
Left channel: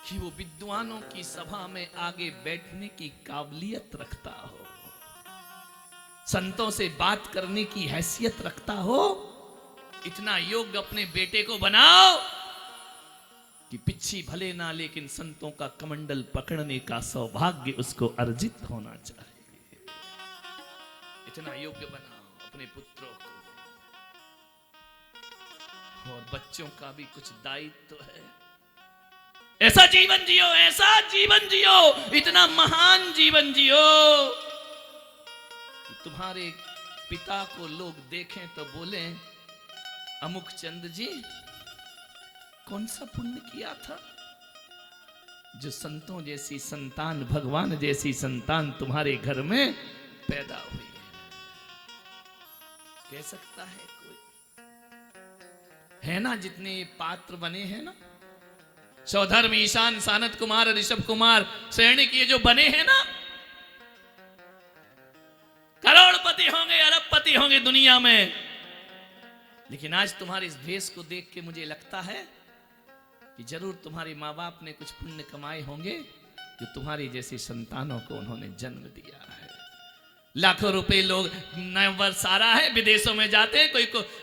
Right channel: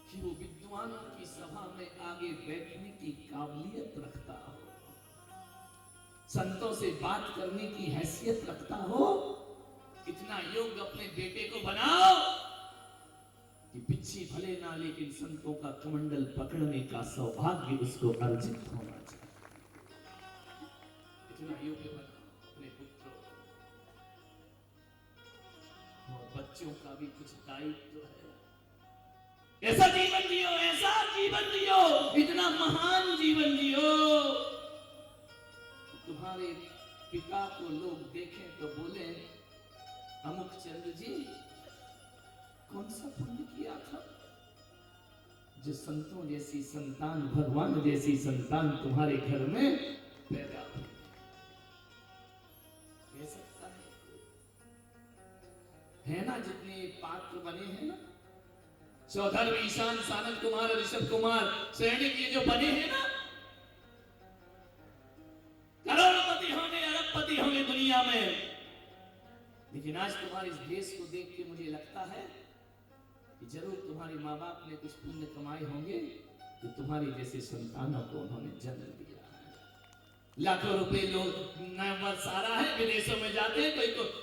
कि वो विद्वानों की सभा में आगे बैठने की काबिलियत रखता हो, संतों से बात करने की हैसियत रखता हो। इतना योग्य अपने बेटे को बनाओ कि पिच्छी भले ना, लेकिन संतों का कमंडल पकड़ने का सौभाग्य उसको अर्जित होना चाहिए। इतना योग्य बनाओ अपने पुत्रों को। और बच्चों का भी कुछ दायित्व है। ऐसा जीवन जियो, ऐसा जीवन जियो, इतना महान जीवन जियो, तुम्हारे पिता को लोग देखें तो बोले अमुक चंद जी कौन सा पुण्य किया था जो संतों जैसी संतान, भगवान जैसी संतान तुम्हारे घर में पैदा हुई है। कह सकता है कोई? है ना, जितने पात्र बने हैं ना, सौधर्म, ईशान, सानत कुमार, ऋषभ कुमार, सैनिक, ये जो बने हैं ना, करोड़पति होंगे, अरबपति होंगे दुनिया में। लेकिन आज तुम्हारे इस भेष को देख के मुझे लगता है कि जरूर तुम्हारे माँ बाप ने कुछ पुण्य कमाए होंगे जो तुम्हारी जैसी संतानों को उन्होंने जन्म दिया है। लाखों रुपए लोग नए वर्ष आ रहा है, विदेशों में जाते हैं,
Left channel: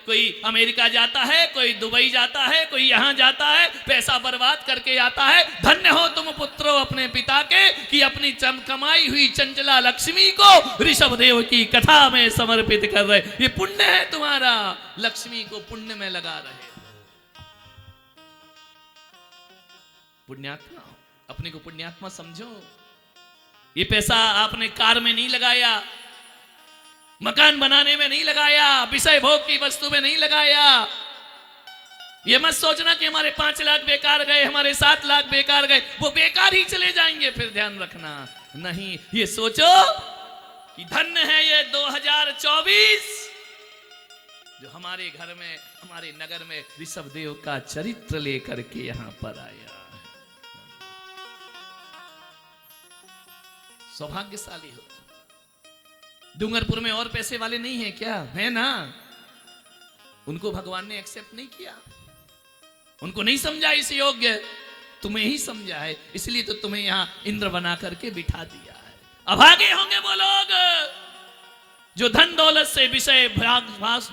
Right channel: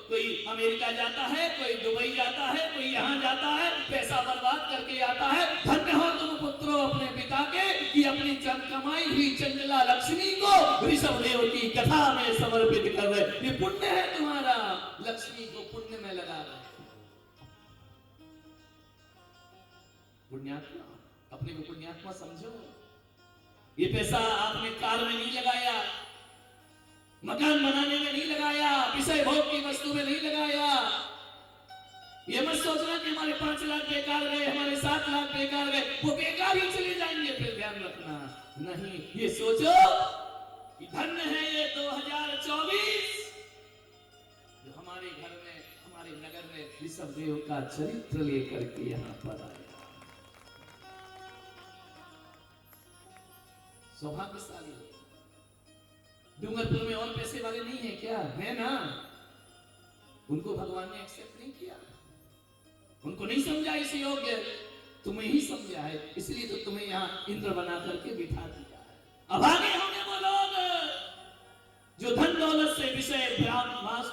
कोई अमेरिका जाता है, कोई दुबई जाता है, कोई यहाँ जाता है, पैसा बर्बाद करके आता है। धन्य हो तुम पुत्रों अपने पिता के कि अपनी कमाई हुई चंचला लक्ष्मी को ऋषभ देव की कथा में समर्पित कर रहे। ये पुण्य है तुम्हारा, लक्ष्मी को पुण्य में लगा रहे। पुण्यात्मा, अपने को पुण्यात्मा समझो। ये पैसा आपने कार में नहीं लगाया, मकान बनाने में नहीं लगाया, विषय भोग की वस्तु में नहीं लगाया। ये मत सोचना कि हमारे 5 लाख बेकार गए, हमारे 7 लाख बेकार गए, वो बेकार ही चले जाएंगे, फिर ध्यान रखना। नहीं, ये सोचो कि धन्य है ये 2024 जो हमारे घर में, हमारे नगर में ऋषभ देव का चरित्र लेकर के यहां पर आया। सौभाग्यशाली हो। डूंगरपुर में और पैसे वाले नहीं है क्या? है ना। उनको भगवान ने एक्सेप्ट नहीं किया, उनको नहीं समझा इस योग्य, तुम्हें ही समझा है, इसलिए तो तुम्हें यहां इंद्र बना करके बिठा दिया है। अभागे होंगे वो लोग जो धन दौलत से विषय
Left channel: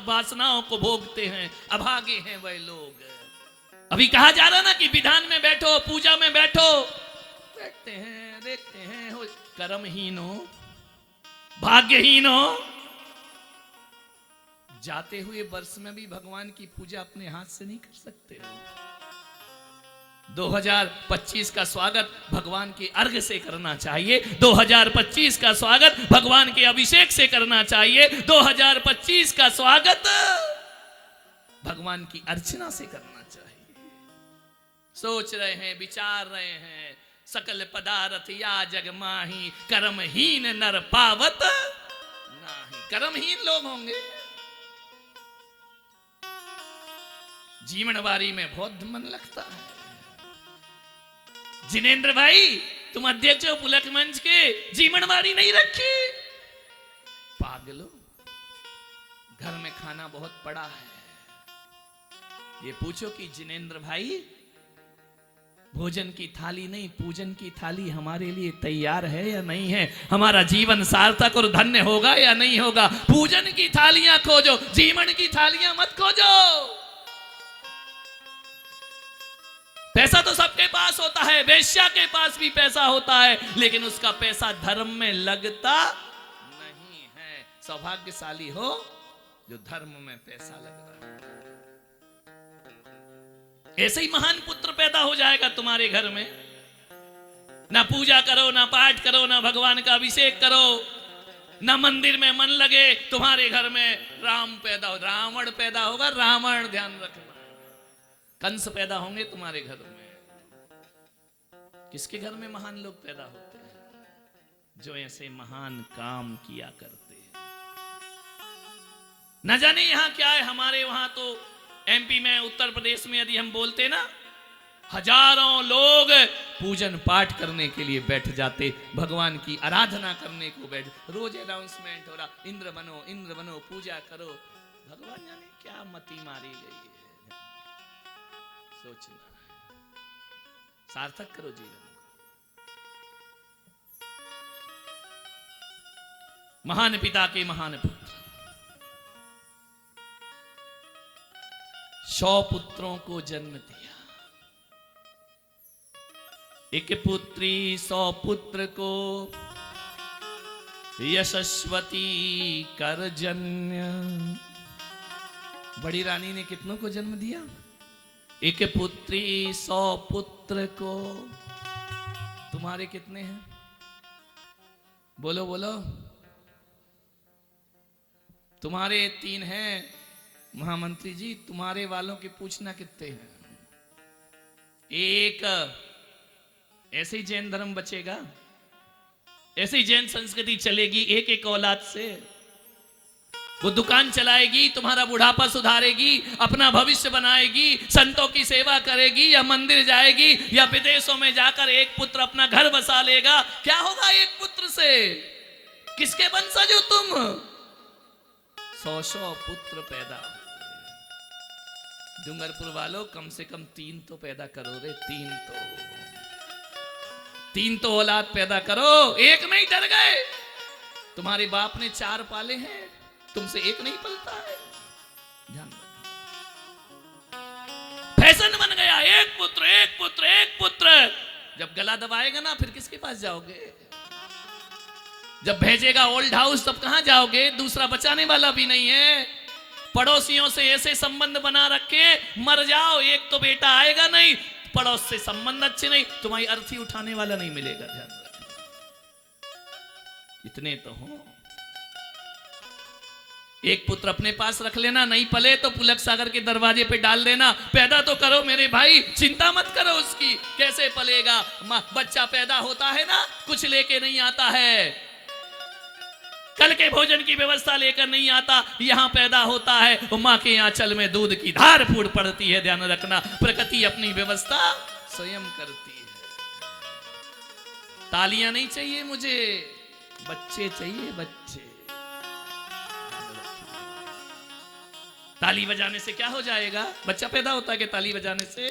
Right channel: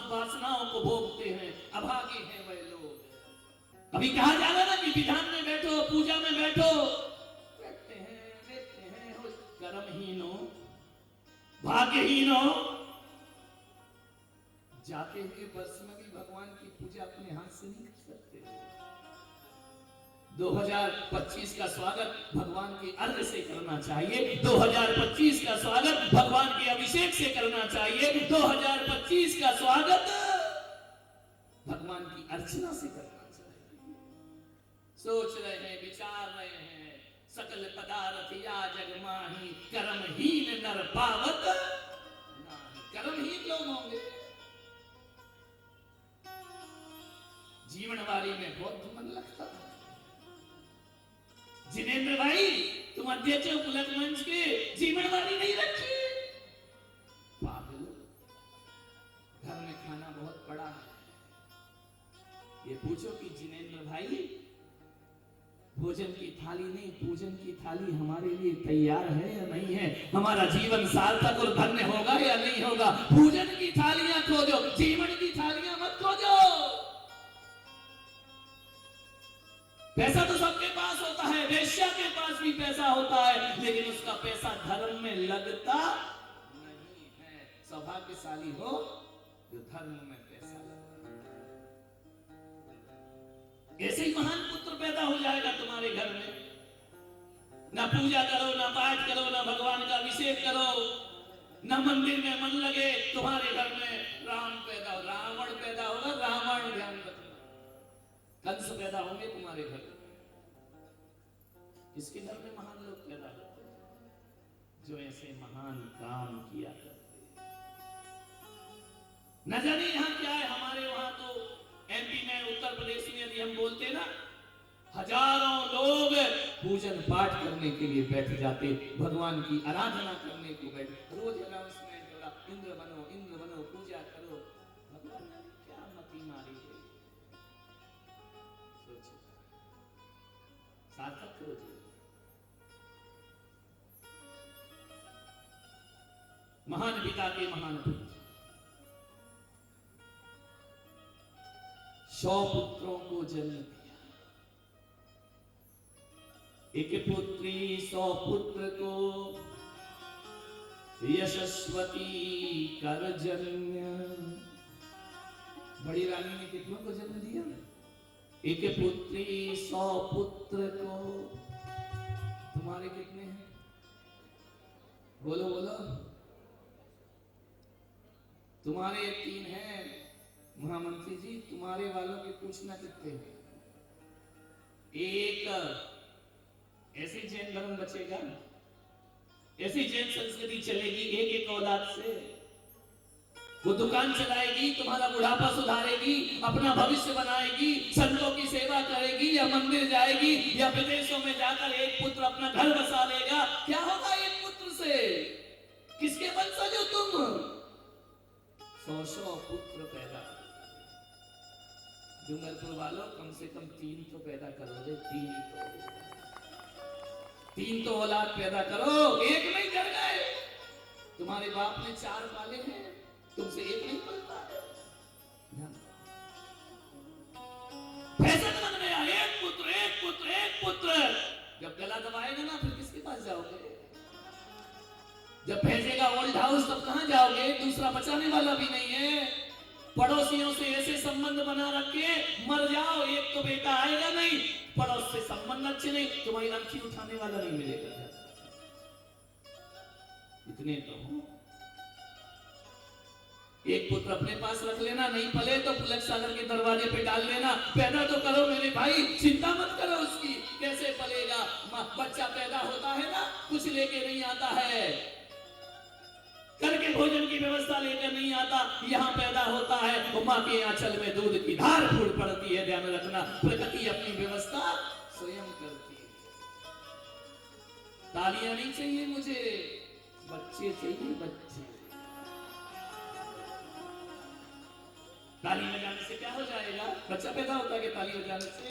वासनाओं को भोगते हैं, अभागे हैं वह लोग। अभी कहा जा रहा ना कि विधान में बैठो, पूजा में बैठो, बैठते हैं, देखते हैं, हो कर्महीन हो, भाग्यहीन हो। जाते हुए वर्ष में भी भगवान की पूजा अपने हाथ से नहीं कर सकते हो। 2025 का स्वागत भगवान के अर्घ से करना चाहिए, 2025 का स्वागत भगवान के अभिषेक से करना चाहिए, 2025 का स्वागत भगवान की अर्चना से करना चाहिए। सोच रहे हैं, विचार रहे हैं, सकल पदार्थ या जग माही, कर्महीन नर पावत नाही। कर्महीन लोग होंगे। जीवनवारी में बहुत मन लगता है। जिनेंद्र भाई, तुम अध्यक्ष हो पुलक मंच के, जीवनवारी नहीं रखी? पागलो, घर में खाना बहुत पड़ा है। ये पूछो कि जिनेंद्र भाई, भोजन की थाली नहीं, पूजन की थाली हमारे लिए तैयार है या नहीं है? हमारा जीवन सार्थक और धन्य होगा या नहीं होगा? पूजन की थालियां खोजो, जीवन की थालियां मत खोजो। पैसा तो सबके पास होता है, वेश्या के पास भी पैसा होता है, लेकिन उसका पैसा धर्म में लगता नहीं है। सौभाग्यशाली हो जो धर्म में पैसा लग रहा है। ऐसे ही महान पुत्र पैदा हो जाएगा तुम्हारे घर में। ना पूजा करो, ना पाठ करो, ना भगवान का अभिषेक करो, ना मंदिर में मन लगे, तुम्हारे घर में राम पैदा हो, रावण पैदा होगा, रावण, ध्यान रखना, कंस पैदा होंगे तुम्हारे घर में। किसके घर में महान लोग पैदा होते हैं? जो ऐसे महान काम किया करते हैं। न जाने यहां क्या है, हमारे वहां तो एमपी में, उत्तर प्रदेश में यदि हम बोलते ना, हजारों लोग पूजन पाठ करने के लिए बैठ जाते, भगवान की आराधना करने को बैठ, रोज अनाउंसमेंट हो रहा, इंद्र बनो, पूजा करो। भगवान जाने क्या मति मारी गई है। सोचना, सार्थक करो जीवन। महान पिता के महान पुत्र, 100 पुत्रों को जन्म दिया। एक पुत्री 100 पुत्र को यशस्वती कर जन्य। बड़ी रानी ने कितनों को जन्म दिया? एक पुत्री 100 पुत्र को। तुम्हारे कितने हैं? बोलो बोलो। तुम्हारे 3 हैं महामंत्री जी, तुम्हारे वालों के पूछना कितने हैं? एक। ऐसे ही जैन धर्म बचेगा, ऐसी जैन संस्कृति चलेगी एक एक औलाद से। वो दुकान चलाएगी, तुम्हारा बुढ़ापा सुधारेगी, अपना भविष्य बनाएगी, संतों की सेवा करेगी, या मंदिर जाएगी, या विदेशों में जाकर एक पुत्र अपना घर बसा लेगा। क्या होगा एक पुत्र से? किसके वंशज हो तुम? 100 पुत्र पैदा। डूंगरपुर वालों, कम से कम 3 तो पैदा करो रे, 3 तो औलाद पैदा करो। एक नहीं, डर गए। तुम्हारे बाप ने 4 पाले हैं, तुमसे एक नहीं पलता है। फैशन बन गया, एक पुत्र एक पुत्र एक पुत्र। जब गला दबाएगा ना, फिर किसके पास जाओगे? जब भेजेगा ओल्ड हाउस, तब कहां जाओगे? दूसरा बचाने वाला भी नहीं है। पड़ोसियों से ऐसे संबंध बना रखे, मर जाओ एक तो बेटा आएगा नहीं। पड़ोस से संबंध अच्छे नहीं, तुम्हारी अर्थी उठाने वाला नहीं मिलेगा। ध्यान रखना, इतने तो हो। एक पुत्र अपने पास रख लेना, नहीं पले तो पुलक सागर के दरवाजे पे डाल देना। पैदा तो करो मेरे भाई, चिंता मत करो उसकी, कैसे पलेगा। बच्चा पैदा होता है ना, कुछ लेके नहीं आता है। कल के भोजन की व्यवस्था लेकर नहीं आता, यहां पैदा होता है। वो मां के आंचल में दूध की धार फूट पड़ती है। ध्यान रखना, प्रकृति अपनी व्यवस्था स्वयं करती है। तालियां नहीं चाहिए मुझे, बच्चे चाहिए, बच्चे। ताली बजाने से क्या हो जाएगा? बच्चा पैदा होता है कि ताली बजाने से?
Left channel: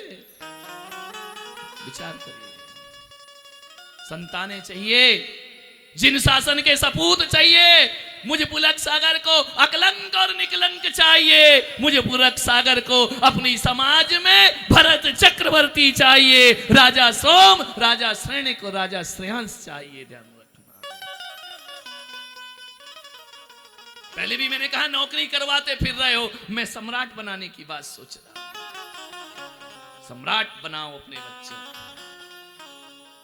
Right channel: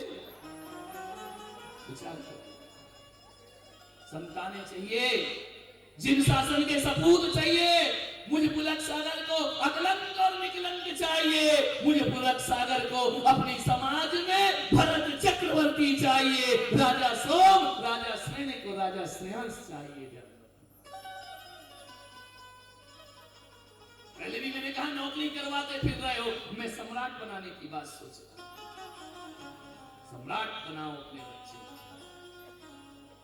विचार करिए। संतानें चाहिए, जिन शासन के सपूत चाहिए। मुझे पुलक सागर को अकलंक और निकलंक चाहिए। मुझे पुलक सागर को अपनी समाज में भरत चक्रवर्ती चाहिए। राजा सोम, राजा श्रेणिक और राजा श्रेयांश चाहिए। ध्यान रखना। पहले भी मैंने कहा, नौकरी करवाते फिर रहे हो। मैं सम्राट बनाने की बात सोच रहा। सम्राट बनाओ अपने बच्चे।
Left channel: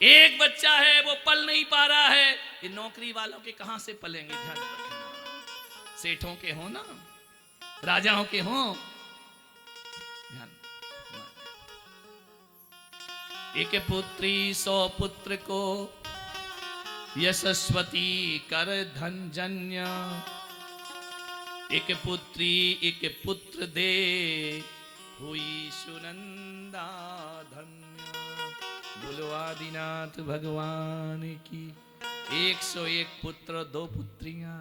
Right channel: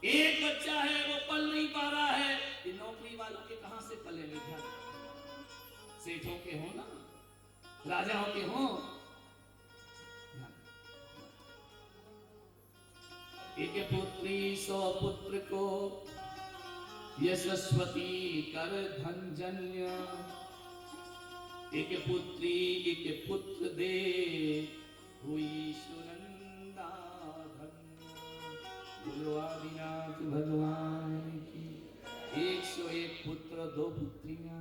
एक बच्चा है, वो पल नहीं पा रहा है। ये नौकरी वालों के कहां से पलेंगे? ध्यान रखना। सेठों के हो ना, राजाओं के हो। एक पुत्री 100 पुत्र को यशस्वती कर धन जन्य। एक पुत्री एक पुत्र दे हुई सुनंदा धन्य। बोलो आदिनाथ भगवान की। 101 पुत्र 2 पुत्रियां।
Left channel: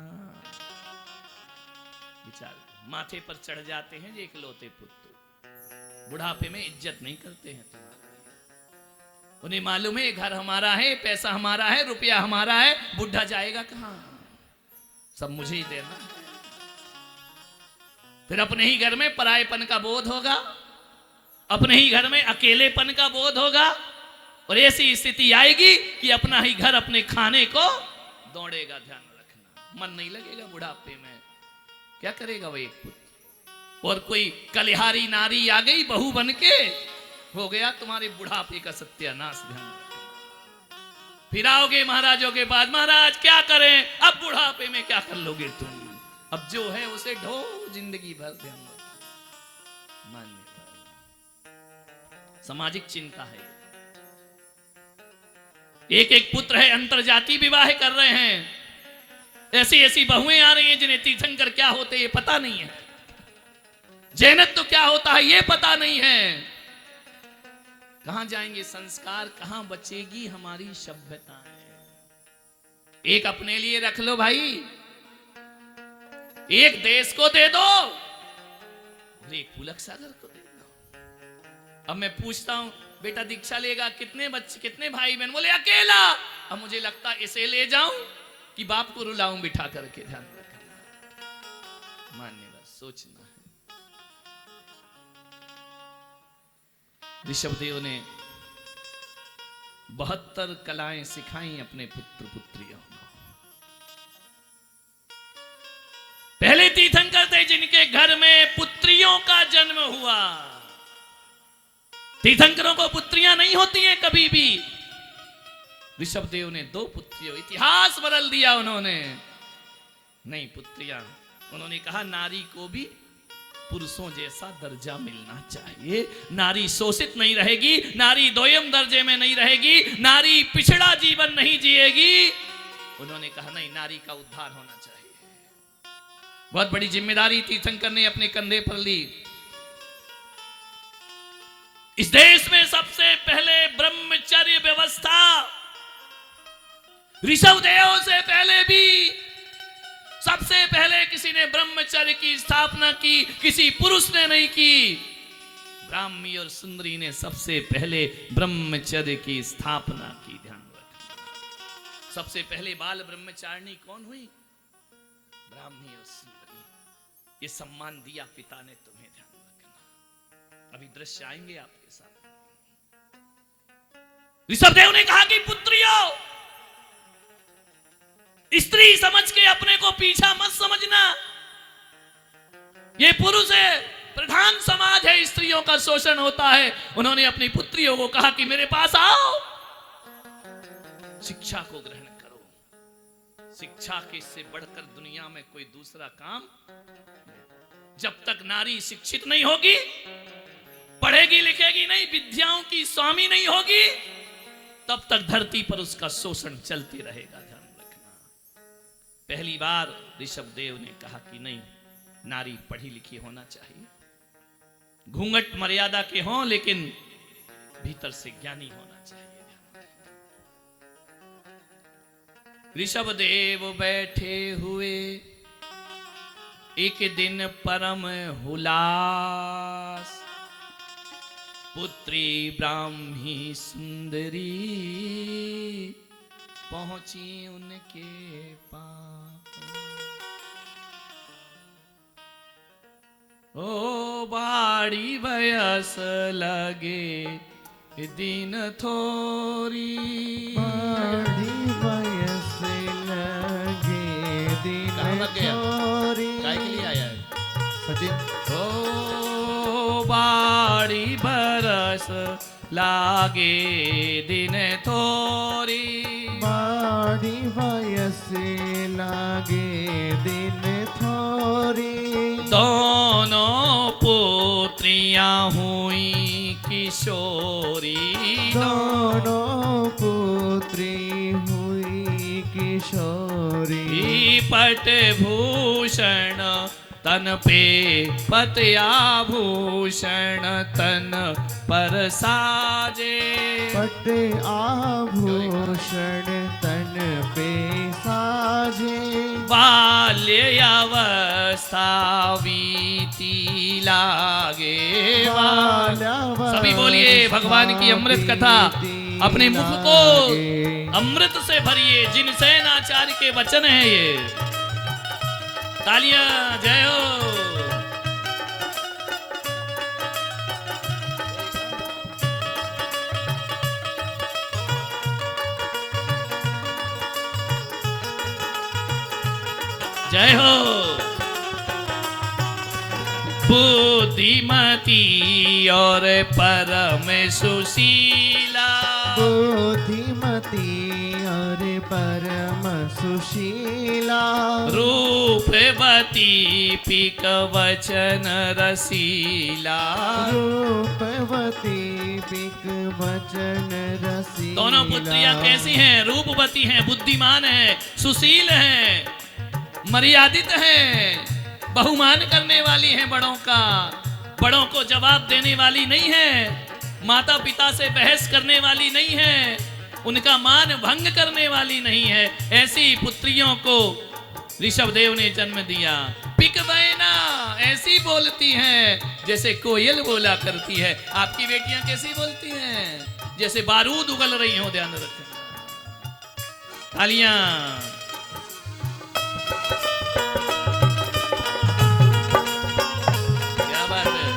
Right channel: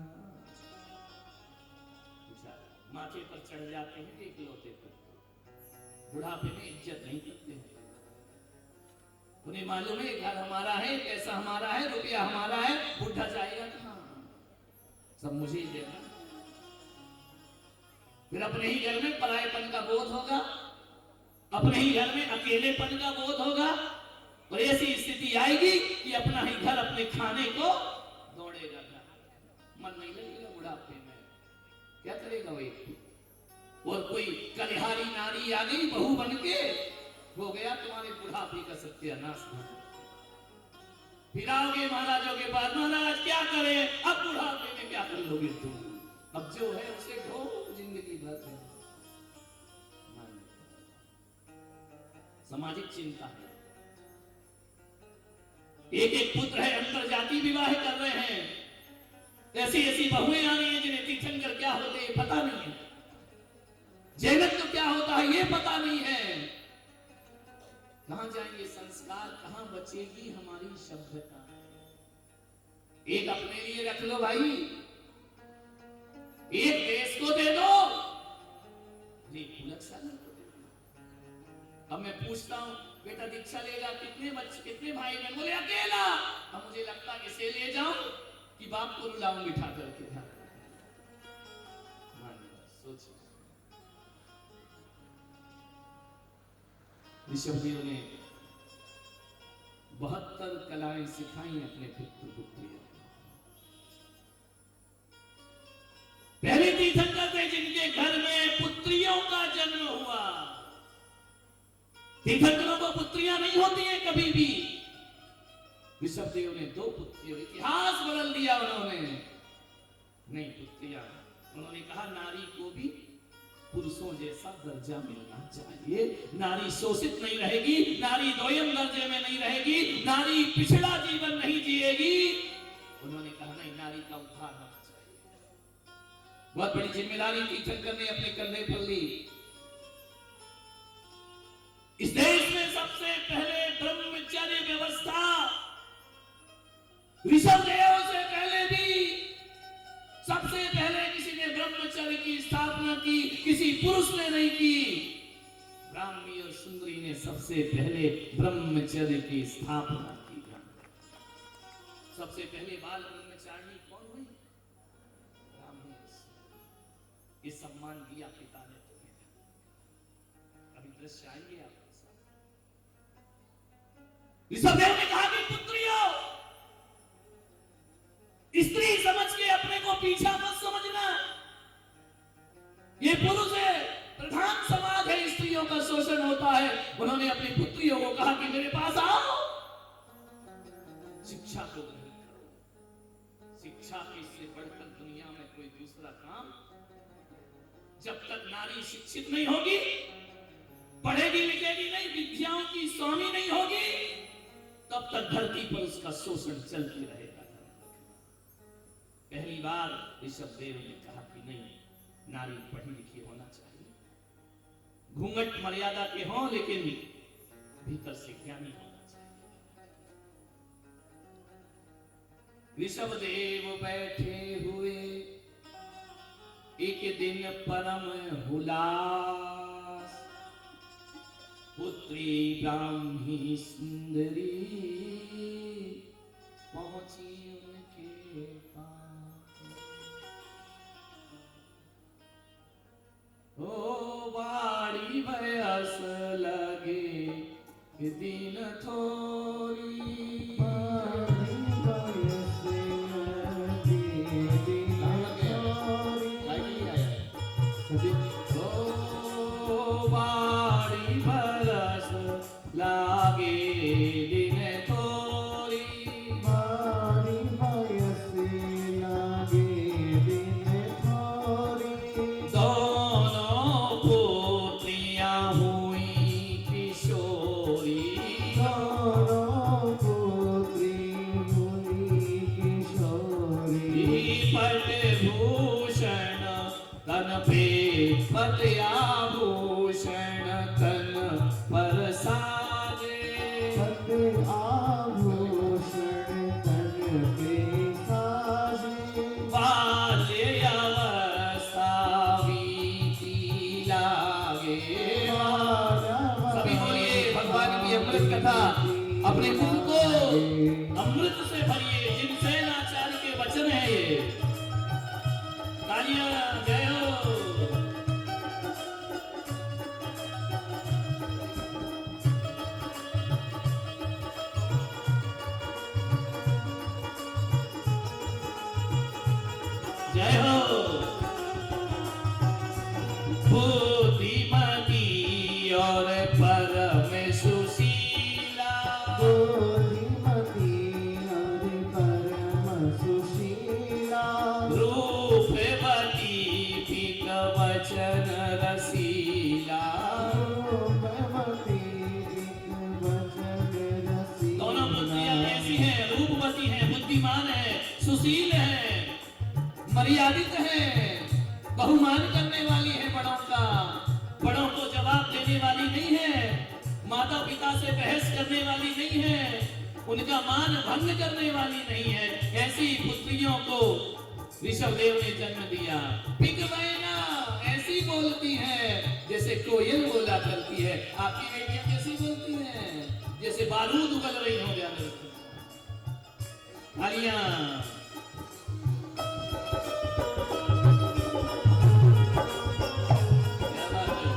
विचार, माथे पर चढ़ जाते हैं जो इकलौते पुत्र, बुढ़ापे में इज्जत नहीं करते हैं। उन्हें मालूम है घर हमारा है, पैसा हमारा है, रुपया हमारा है, बुढ़ा जाएगा कहां? सब मुझे ही देना है। फिर अपने ही घर में परायेपन का बोध होगा, अपने ही घर में अकेलेपन का बोध होगा, और ऐसी स्थिति आएगी कि अपना ही घर अपने खाने को दौड़ेगा। ध्यान रखना, मन नहीं लगेगा बुढ़ापे में। क्या करेगा वो एक पुत्र? और कोई कलिहारी नारी आ गई बहू बन के, हो गया तुम्हारे बुढ़ापे का सत्यानाश। ध्यान रखना। फिर आओगे महाराजों के पास, महाराज क्या करें, अब बुढ़ापे में क्या कर लोगे तुम, अब जो है उसे ढो जिंदगी भर दे। सामाजिक चिंता है। एक एक पुत्र है, अंतर जाति विवाह कर रहे हैं, ऐसी ऐसी बहुएं आ रही हैं जिन्हें तीर्थंकर क्या होते हैं पता नहीं है, जैनत्व क्या होता है ये पता नहीं है। कहां जाएंगे संस्कार, कहां बचेगी हमारी सभ्यता। एक अपने लिए रख लो भाई, एक देश को दे दो, एक पुलक सागर को दे दो। अब मैं पूछता हूं, बेटा दीक्षा लेगा, कितने बच्चे, कितने भाई बहन? बोले अकेला। अब मुझे लगता इसे ले जाऊं कि बाप को रुलाऊं बिठा करके। ध्यान रखना, मानने बस सोचना। ऋषभदेव ने 72 कलाएं सिखाई अपने पुत्र पुत्रियों को। पहले तीर्थंकर थे जिनके घर में पुत्रियों का जन्म हुआ। तीर्थंकरों को पुत्रियां नहीं होती हैं कभी भी। ऋषभदेव ने 2 पुत्रियों, इतिहास बदल दिया उन्होंने। नहीं पुत्रियां, उन्होंने कहा नारी को भी पुरुषों जैसा दर्जा मिलना चाहिए, नारी शोषित नहीं रहेगी, नारी दोयम दर्जे में नहीं रहेगी, नारी पिछड़ा जीवन नहीं जिएगी। उन्होंने कहा नहीं, नारी का उद्धार होना चाहिए। बहुत बड़ी जिम्मेदारी तीर्थंकर ने अपने कंधे पर ली। इस देश में सबसे पहले ब्रह्मचर्य व्यवस्था ऋषभदेव से पहले भी सबसे पहले किसी ने ब्रह्मचर्य की स्थापना की, किसी पुरुष ने नहीं की। ब्राह्मी और सुंदरी ने सबसे पहले ब्रह्मचर्य की स्थापना की। ध्यान रखना, सबसे पहले बाल ब्रह्मचारिणी कौन हुई? ब्राह्मी और सुंदरी। ये सम्मान दिया पिता ने तुम्हें। ध्यान रखना, अभी दृश्य आएंगे आपके साथ। ऋषभदेव ने कहा कि पुत्रियों, स्त्री समझ के अपने को पीछा मत समझना। ये पुरुष है, प्रधान समाज है, स्त्रियों का शोषण होता है। उन्होंने अपनी पुत्रियों को कहा कि मेरे पास आओ, शिक्षा को ग्रहण करो। शिक्षा के से बढ़कर दुनिया में कोई दूसरा काम। जब तक नारी शिक्षित नहीं होगी, पढ़ेगी लिखेगी नहीं, विद्याओं की स्वामी नहीं होगी, तब तक धरती पर उसका शोषण चलती रहेगा। पहली बार ऋषभदेव ने कहा कि नहीं, नारी पढ़ी लिखी होना चाहिए, घूंघट मर्यादा के हों लेकिन भीतर से ज्ञानी होना चाहिए। ऋषभदेव बैठे हुए एक दिन परम हुलास, पुत्री ब्राह्मी सुंदरी पहुंची उनके पास। ओ बाड़ी बयस लगे दिन थोरी, बाड़ी बयस लगे दिन थोरी। काय के लिए आया है? संदीप। ओ बाड़ी बरस लागे दिन थोरी, बाड़ी बयस लगे दिन थोरी। दोनों पुत्रियां हुई किशोरी, दोनों पुत्री हुई किशोरी। पट भूषण तन पे पत आभूषण तन पर साजे, पट आभूषण तन पे साजे। बाल्यावस्था बीती लागे। सभी बोलिए भगवान की अमृत कथा, अपने मुख को अमृत से भरिए। जिनसेन आचार्य के वचन है ये। तालियां, जय हो। जय हो। बुद्धिमती और परम सुशीला, बुद्धिमती परम सुशीला रूपवती पिक वचन रसीला। रूपवती पिक वचन रसीला। दोनों पुत्रियां कैसी हैं? रूपवती हैं, बुद्धिमान हैं, सुशील हैं, मर्यादित हैं, बहुमान करने वाली हैं बड़ों का, बड़ों को जवाब देने वाली नहीं है, माता पिता से बहस करने वाली नहीं है, उनका मान भंग करने वाली नहीं है। ऐसी पुत्रियों को ऋषभदेव ने जन्म दिया। पिकवैना ऐसी बोलती हैं जैसे कोयल बोला करती है। आपकी बेटियां कैसी बोलती हैं? जैसे बारूद उगल रही हो। ध्यान रखना। तालियां। क्या बात है।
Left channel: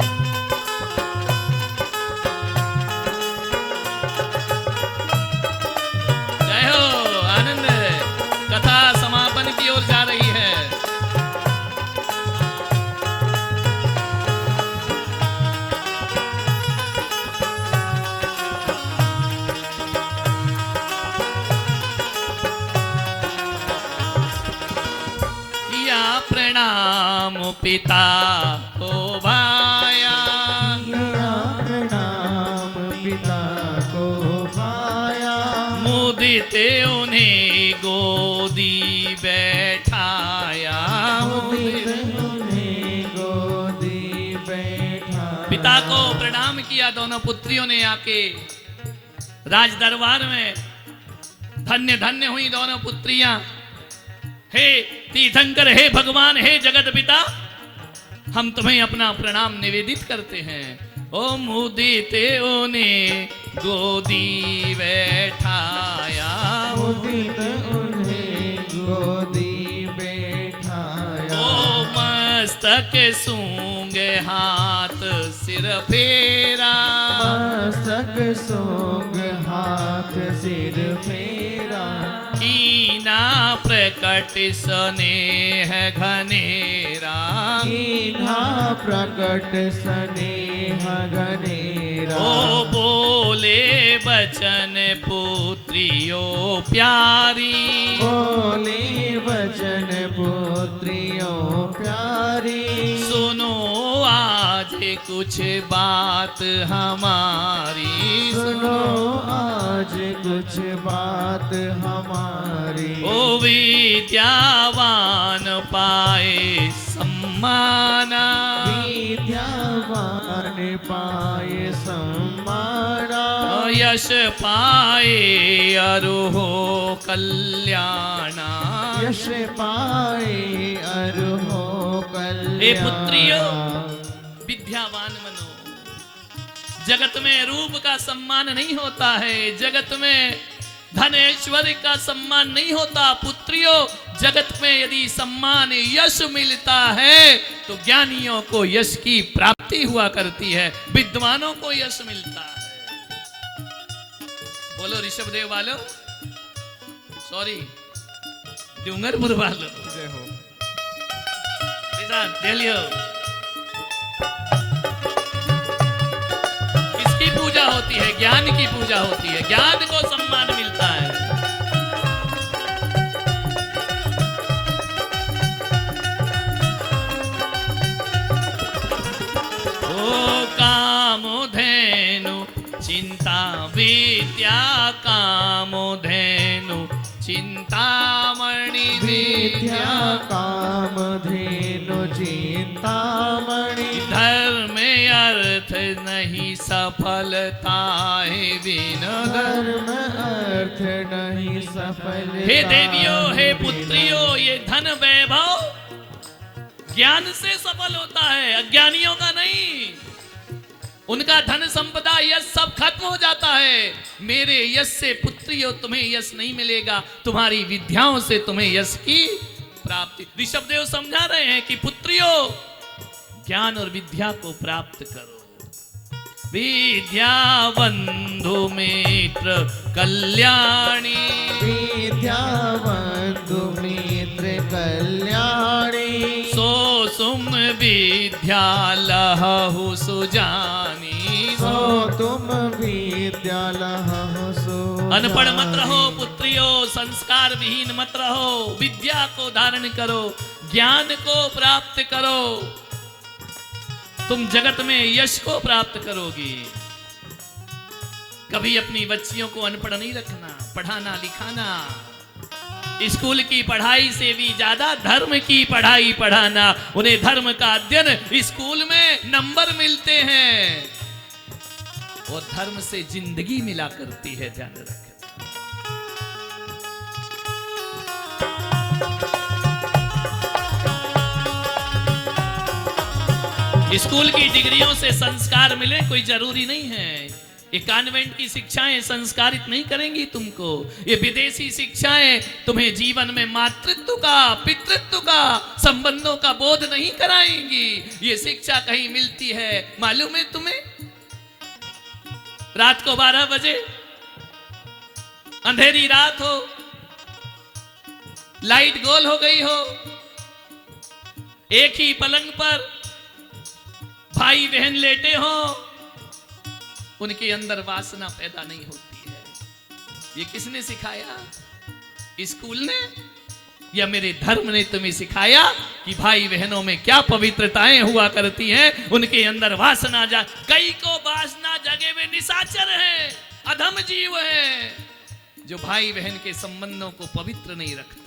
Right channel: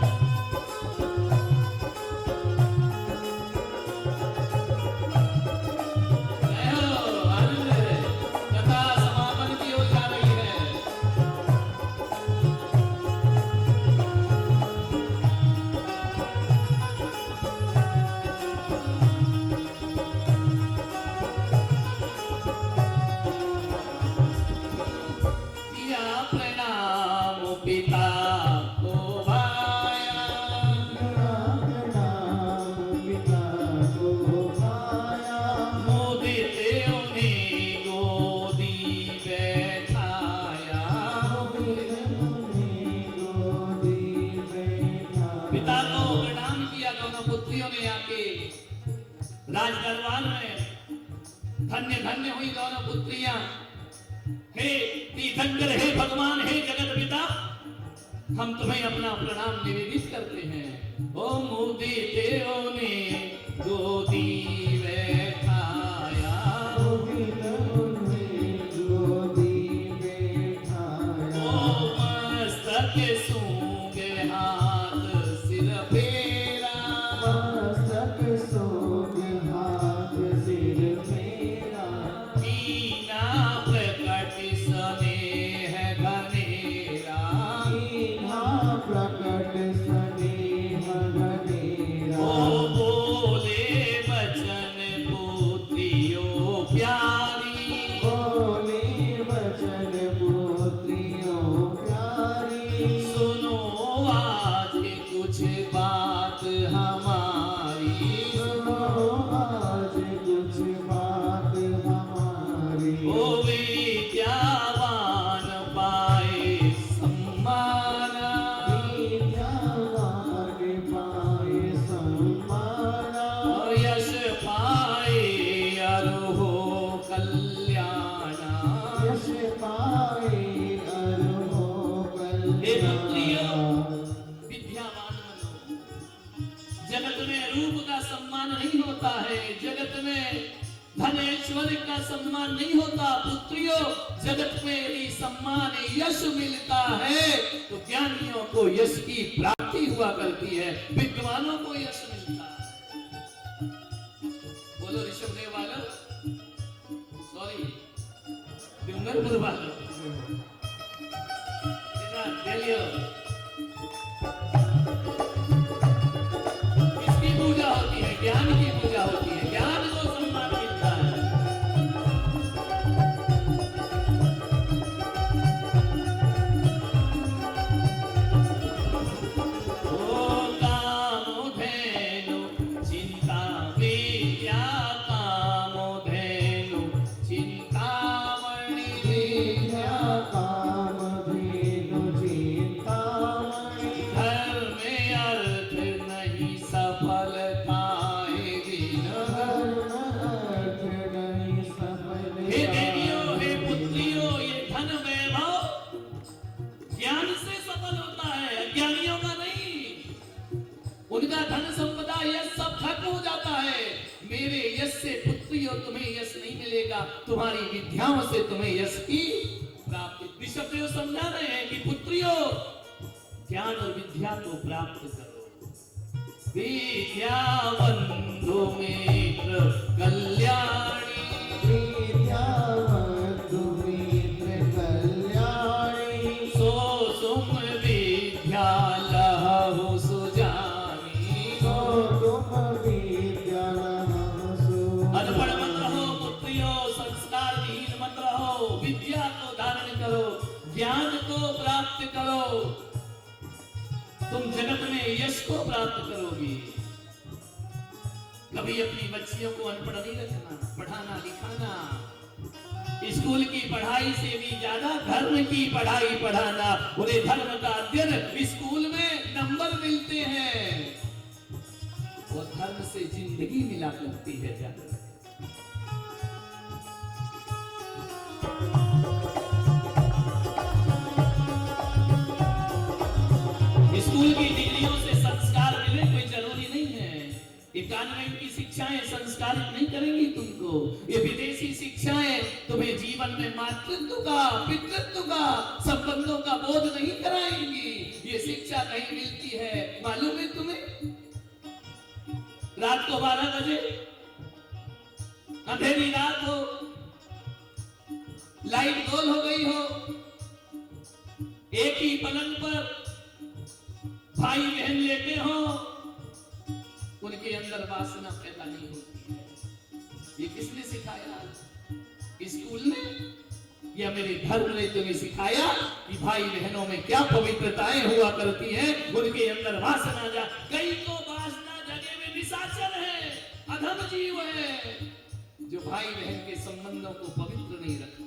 जय हो। आनंद। कथा समापन की ओर जा रही है। किया प्रणाम पिता को भाया, प्रणाम पिता को पाया। मुदित उन्हें गोदी बैठाया। उन्हें गोदी बैठा। पिता को प्रणाम किया। दोनों पुत्रियों ने आके राज दरबार में धन्य धन्य हुई दोनों पुत्रियां। हे तीर्थंकर, हे भगवान, हे जगत पिता, हम तुम्हें अपना प्रणाम निवेदित करते हैं। ओ मुदित उन्हें गोदी बैठाया। मुदित उन्हें गोदी बैठाया। ओ मस्तक सूंग हाथ सिर फेरा। मस्तक सोग हाथ सिर फेरा। कीना प्रकट स्नेह घनेरा। कीन्हा प्रकट स्नेह घनेरा। ओ बोले बचन पुत्रियों प्यारी। बोले वचन पुत्रियों प्यारी। सुनो आज कुछ बात हमारी। सुनो आज कुछ बात हमारी। ओ विद्यावान पाए सम्माना। विद्यावान पाए सम्माना। यश पाए अरुहो कल्याणा। यश पाए अरुहो कल्याण। हे पुत्रियों, विद्यावान बनो। जगत में रूप का सम्मान नहीं होता है, जगत में धन ऐश्वर्य का सम्मान नहीं होता। पुत्रियों, जगत में यदि सम्मान यश मिलता है तो ज्ञानियों को यश की प्राप्ति हुआ करती है, विद्वानों को यश मिलता है। बोलो ऋषभदेव वालों, सॉरी डूंगरपुर वालों, दिल्ली। किसकी पूजा होती है? ज्ञान की पूजा होती है, ज्ञान को सम्मान मिलता है। ओ कामधेनु चिंता विद्या। कामधेनु चिंतामणि विद्या। कामधेनु चिंतामणि। धर्म अर्थ नहीं सफलता है बिना। धर्म अर्थ नहीं सफलता। हे देवियों, हे पुत्रियों, ये धन वैभव ज्ञान से सफल होता है, अज्ञानियों का नहीं। उनका धन संपदा यश सब खत्म हो जाता है। मेरे यश से पुत्रियों तुम्हें यश नहीं मिलेगा, तुम्हारी विद्याओं से तुम्हें यश की प्राप्ति। ऋषभदेव समझा रहे हैं कि पुत्रियों, ज्ञान और विद्या को प्राप्त करो। विद्या बंधु मित्र कल्याणी। विद्यावन्तु मित्र कल्याणी। सो सुम विद्या लहु सुजानी। सो तुम विद्या लहु सुजानी। अनपढ़ मत रहो पुत्रियों, संस्कार मत रहो, विद्या को धारण करो, ज्ञान को प्राप्त करो, तुम जगत में यश को प्राप्त करोगी। कभी अपनी बच्चियों को अनपढ़ नहीं रखना, पढ़ाना लिखाना, स्कूल की पढ़ाई से भी ज्यादा धर्म की पढ़ाई पढ़ाना। उन्हें धर्म का अध्ययन स्कूल में नंबर मिलते हैं और धर्म से जिंदगी मिला करती है, ध्यान रखें। स्कूल की डिग्रियों से संस्कार मिले कोई जरूरी नहीं है। ये कॉन्वेंट की शिक्षाएं संस्कारित नहीं करेंगी तुमको। ये विदेशी शिक्षाएं तुम्हें जीवन में मातृत्व का, पितृत्व का, संबंधों का बोध नहीं कराएंगी। ये शिक्षा कहीं मिलती है मालूम है तुम्हें? रात को 12 बजे, अंधेरी रात हो, लाइट गोल हो गई हो, एक ही पलंग पर भाई बहन लेटे हो, उनके अंदर वासना पैदा नहीं होती है। ये किसने सिखाया? स्कूल ने या मेरे धर्म ने तुम्हें सिखाया कि भाई बहनों में क्या पवित्रताएं हुआ करती हैं, उनके अंदर वासना जा। कई को वासना जगे हुए निशाचर है, अधम जीव है, जो भाई बहन के संबंधों को पवित्र नहीं रखते।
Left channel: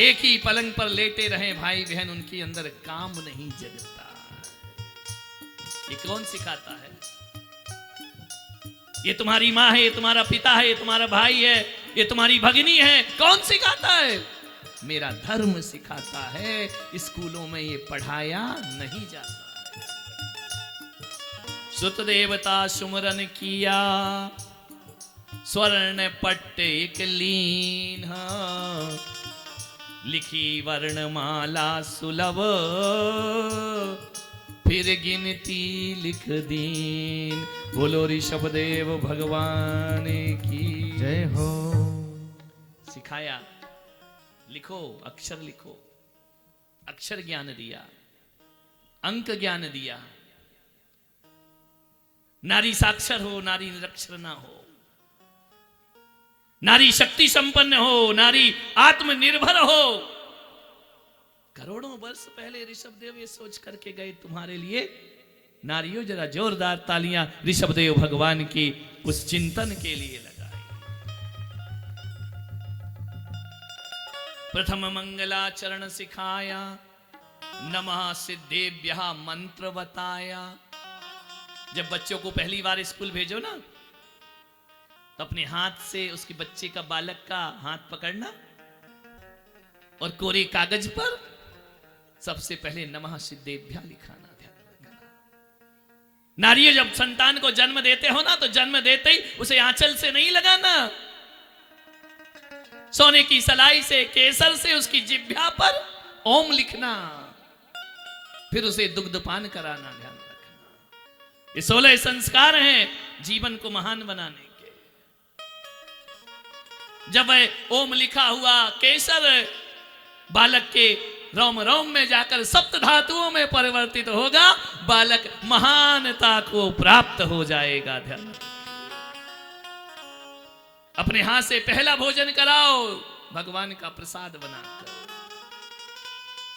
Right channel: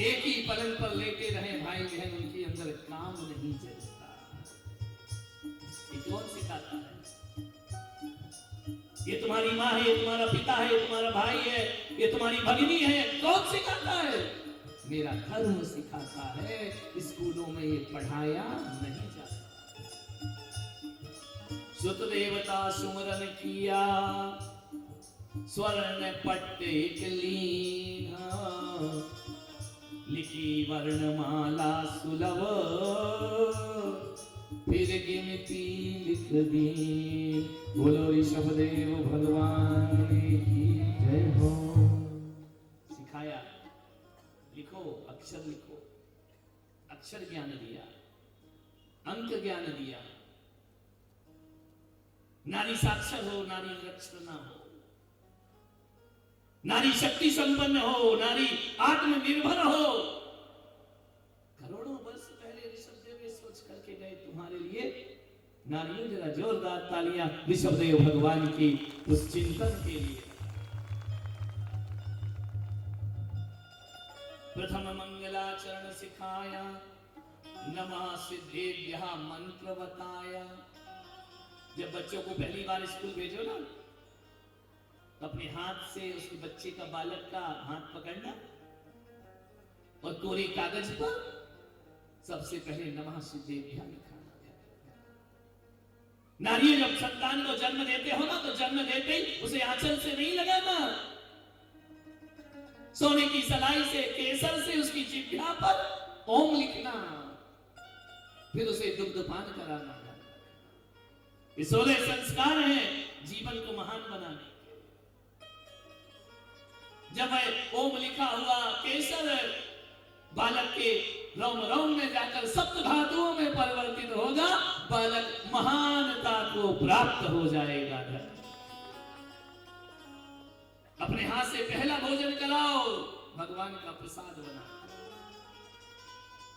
एक ही पलंग पर लेटे रहे भाई बहन, उनके अंदर काम नहीं जगता। ये कौन सिखाता है? ये तुम्हारी माँ है, ये तुम्हारा पिता है, ये तुम्हारा भाई है, ये तुम्हारी भगिनी है। कौन सिखाता है? मेरा धर्म सिखाता है। स्कूलों में ये पढ़ाया नहीं जाता। सुत देवता सुमरन किया, स्वर्ण पट्ट एक लीन, लिखी वर्णमाला सुलभ, फिर गिनती लिख दीन। बोलो ऋषभदेव भगवान की जय हो। सिखाया, लिखो, अक्षर लिखो, अक्षर ज्ञान दिया, अंक ज्ञान दिया। नारी साक्षर हो, नारी निरक्षर ना हो, नारी शक्ति संपन्न हो, नारी आत्मनिर्भर हो। करोड़ों वर्ष पहले ऋषभदेव ये सोच करके गए तुम्हारे लिए। नारियों जरा जोरदार तालियां ऋषभदेव भगवान की उस चिंतन के लिए लगाएं। प्रथम मंगलाचरण सिखाया, नमः सिद्धेभ्यः मंत्र बताया। जब बच्चों को पहली बार स्कूल भेजो ना, तो अपने हाथ से उसके बच्चे का, बालक का हाथ पकड़ना और कोरे कागज पर सबसे पहले नमः सिद्धेभ्यः लिखाना। ध्यान रखना, नारियों जब संतान को जन्म देते हो ना, तो जन्म देते ही उसे आंचल से नहीं लगाना, सोने की सलाई से, केसर से उसकी जिह्वा पर ओम लिखना, फिर उसे दुग्धपान कराना। ध्यान रखना, ये 16 संस्कार हैं जीवन को महान बनाने के। जब वह ओम लिखा हुआ केसर बालक के रोम रोम में जाकर सप्त धातुओं में परिवर्तित होगा, बालक महानता को प्राप्त हो जाएगा। ध्यान, अपने हाथ से पहला भोजन कराओ, भगवान का प्रसाद बनाकर।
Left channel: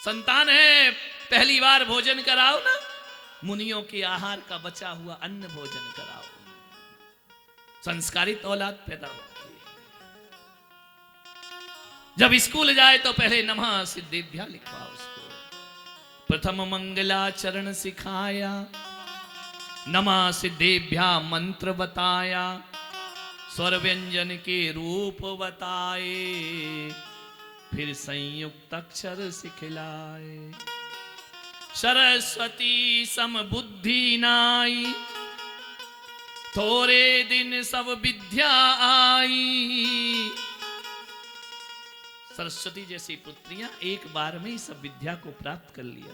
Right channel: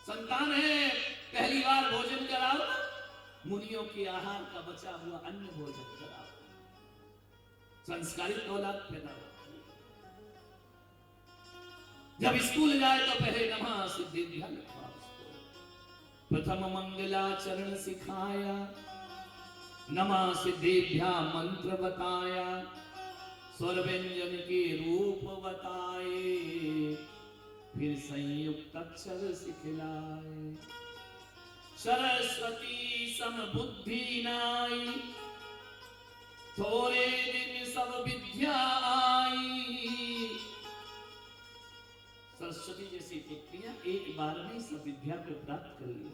संतान है, पहली बार भोजन कराओ ना, मुनियों के आहार का बचा हुआ अन्न भोजन कराओ। संस्कारित औलाद पैदा होती है। जब स्कूल जाए तो पहले नमः सिद्धेभ्यः लिखवाओ उसको। प्रथम मंगलाचरण सिखाया, नमः सिद्धेभ्यः मंत्र बताया, स्वर व्यंजन के रूप बताए, फिर संयुक्त अक्षर सिखलाए। सरस्वती सम बुद्धि नाई, थोड़े दिन सब विद्या आई। सरस्वती जैसी पुत्रियां एक बार में सब विद्या को प्राप्त कर लिया।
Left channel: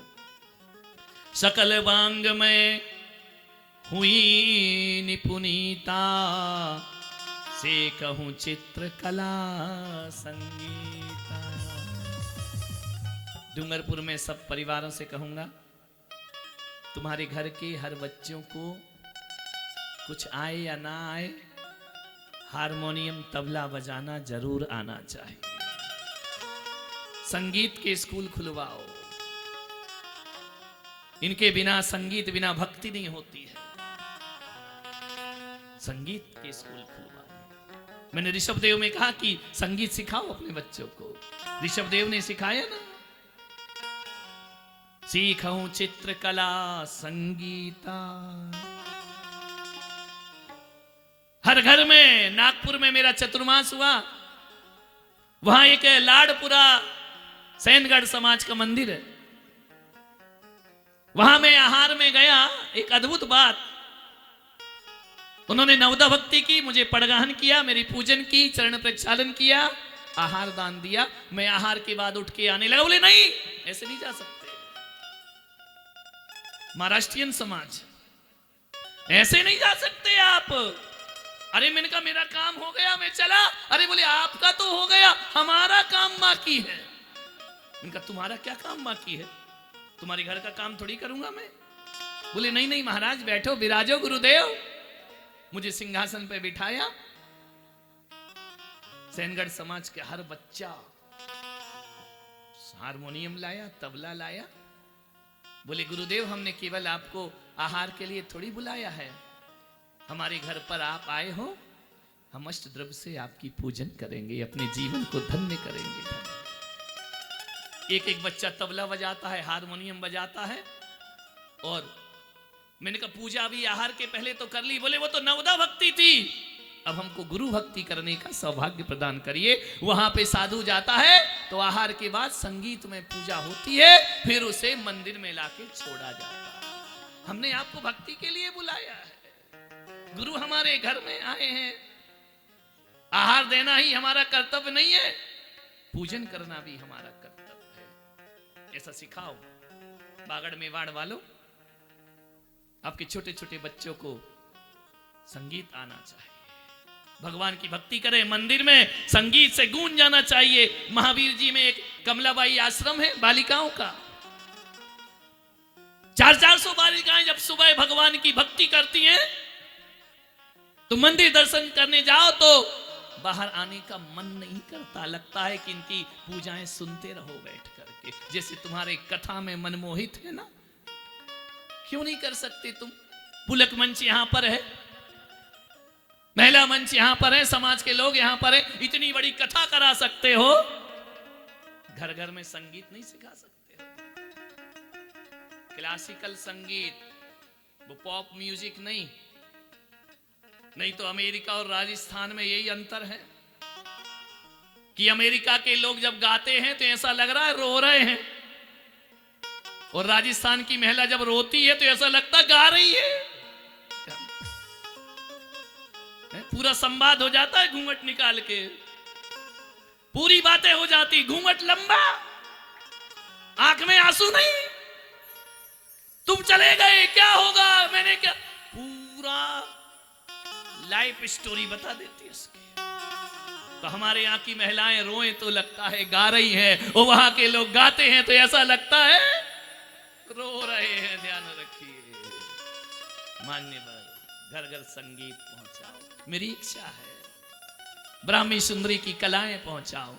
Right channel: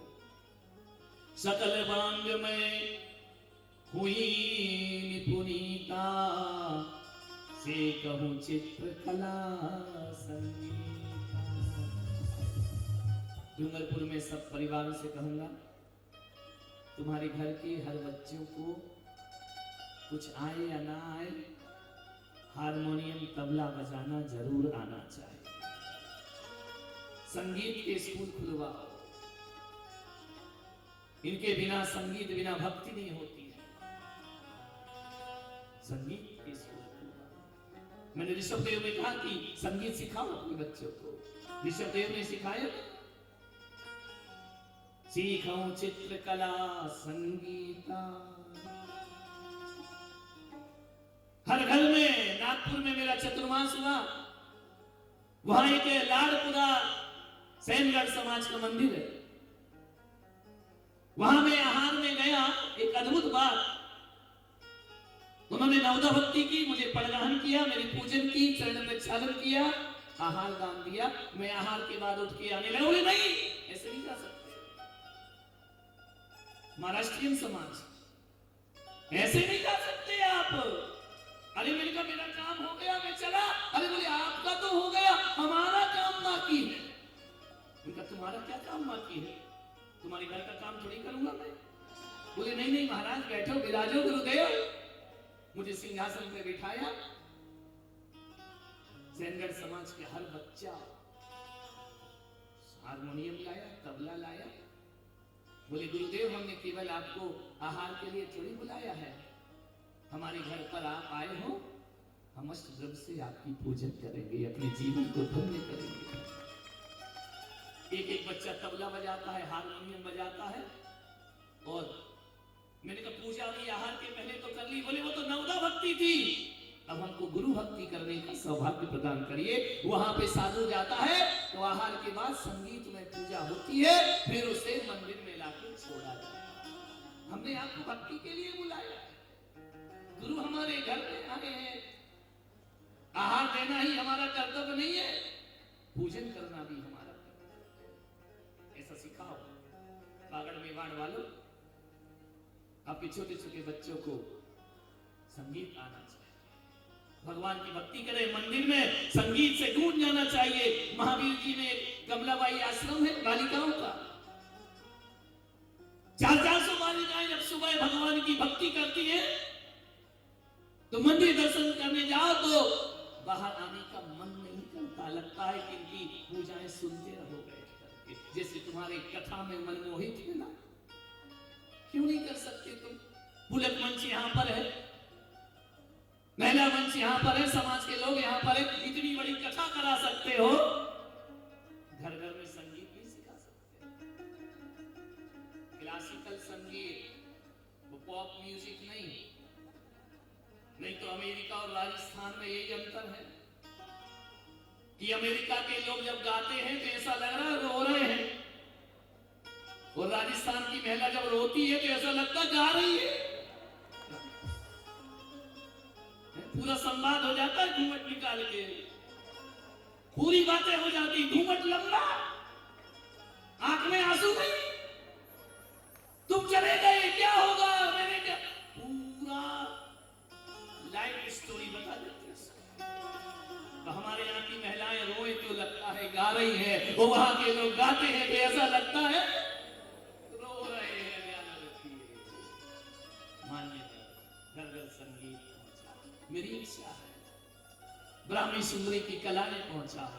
सकल वांग में हुई निपुणिता, से कहूं चित्रकला संगीता। डूंगरपुर में सब परिवारों से कहूंगा, तुम्हारे घर के हर बच्चों को कुछ आए या ना आए, हारमोनियम तबला बजाना जरूर आना चाहिए। संगीत के स्कूल खुलवाओ, इनके बिना संगीत बिना भक्ति नहीं होती है। संगीत के स्कूल खुलवाओ। मैंने ऋषभदेव में कहा कि संगीत सिखाओ अपने बच्चों को, ऋषभदेव ने सिखाया ना, सीखूं चित्रकला संगीता। हर घर में, नागपुर में मेरा चतुर्मास हुआ, वहां एक लाडपुरा सैनगढ़ समाज का मंदिर है, वहां मैं आहार में गया। एक अद्भुत बात, उन्होंने नवदा भक्ति की, मुझे पड़गाहन किया, मेरी पूजन की, चरण प्रक्षालन किया, आहार दान दिया। मैं आहार के बाद उठ के आने लगा, बोले नहीं ऐसे नहीं जा सकते, महाराष्ट्रियन समाज ऐसे नहीं जा सकते आप। अरे मैंने कहा मेरा काम हो गया, मैं चला। अरे बोले आपका तो हो गया, हमारा काम बाकी है। मैंने कहा तुम्हारा क्या काम बाकी है, तुम्हारे घर का काम थोड़ी करूंगा मैं। बोले नहीं नहीं महाराज बैठो, विराजो गुरुदेव। मुझे सिंहासन पे बिठाया। सैनगढ़ समाज के हर बच्चा हारमोनियम लाया, तबला लाया। बोले गुरुदेव हमने केवल आपको आहार के लिए थोड़ी बुलाया है, हमारे घर पर आप आए हो, हम अष्ट द्रव्य से आपकी पूजन करेंगे, अपने जीवन को धन्य करेंगे। एक एक बच्चा तबला बजाता है, हारमोनियम बजाता है। और मैंने कहा पूजा भी आहार के पहले तो कर ली। बोले वो तो नवदा भक्ति थी, अब हमको गुरु भक्ति करने का सौभाग्य प्रदान करिए। वहां पे साधु जाता है तो आहार के बाद संगीत में पूजा होती है, फिर उसे मंदिर में लाके छोड़ा जाता है। हमने आपको भक्ति के लिए बुलाया है, गुरु हमारे घर में आए हैं, आहार देना ही हमारा कर्तव्य नहीं है, पूजन करना भी हमारा कर्तव्य है। ऐसा सिखाओ। बागड़ मेवाड़ वालों, आपके छोटे छोटे बच्चों को संगीत आना चाहिए, भगवान की भक्ति करें, मंदिर में संगीत से गूंज जाना चाहिए। महावीर जी में एक कमलाबाई आश्रम है बालिकाओं का, 400 बालिकाएं जब सुबह भगवान की भक्ति करती हैं तो मंदिर दर्शन करने जाओ तो बाहर आने का मन नहीं करता, लगता है कि इनकी पूजाएं सुनते रहो बैठ करके, जैसे तुम्हारे कथा में मनमोहित है ना। क्यों नहीं कर सकते तुम? पुलक मंच यहां पर है, महिला मंच यहां पर है, समाज के लोग यहां पर है, इतनी बड़ी कथा करा सकते हो, घर घर में संगीत नहीं सिखा सकते? क्लासिकल संगीत, वो पॉप म्यूजिक नहीं। नहीं तो अमेरिका और राजस्थान में यही अंतर है कि अमेरिका के लोग जब गाते हैं तो ऐसा लग रहा है रो रहे हैं, और राजस्थान की महिला जब रोती है तो ऐसा लगता है गा रही है। पूरा संवाद हो जाता है घूंघट निकाल के, पूरी बातें हो जाती, घूंघट लंबा, आंख में आंसू नहीं। तुम चले गए क्या होगा, मैंने क्या, पूरा लाइफ स्टोरी बता देती है उसकी। तो हमारे यहाँ की महिलाएं रोए तो लगता है गा रही है, और वहां के लोग गाते हैं तो ऐसा लगता है रो रहे हैं। ध्यान रखिए, मान्यवर घर घर संगीत पहुंचाओ। मेरी इच्छा है ब्राह्मी सुंदरी की कलाएं पहुंचाओ।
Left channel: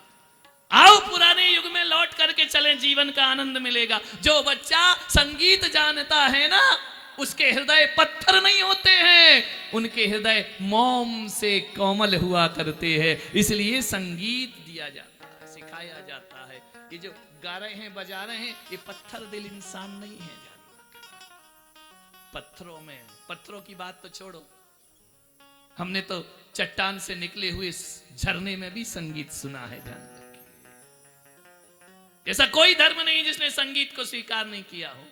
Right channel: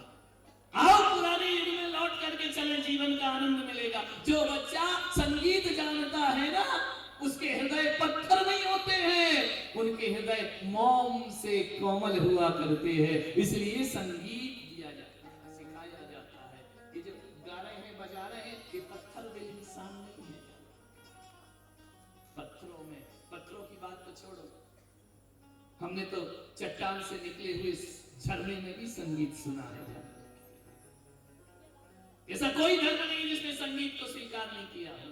आओ पुराने युग में लौट करके चले, जीवन का आनंद मिलेगा। जो बच्चा संगीत जानता है ना, उसके हृदय पत्थर नहीं होते हैं, उनके हृदय मोम से कोमल हुआ करते हैं। इसलिए संगीत दिया जाता है, सिखाया जाता है। ये जो गा रहे हैं बजा रहे हैं, ये पत्थर दिल इंसान नहीं है। पत्थरों में, पत्थरों की बात तो छोड़ो, हमने तो चट्टान से निकले हुए झरने में भी संगीत सुना है। ध्यान रखिए, ऐसा कोई धर्म नहीं जिसने संगीत को स्वीकार नहीं किया हो।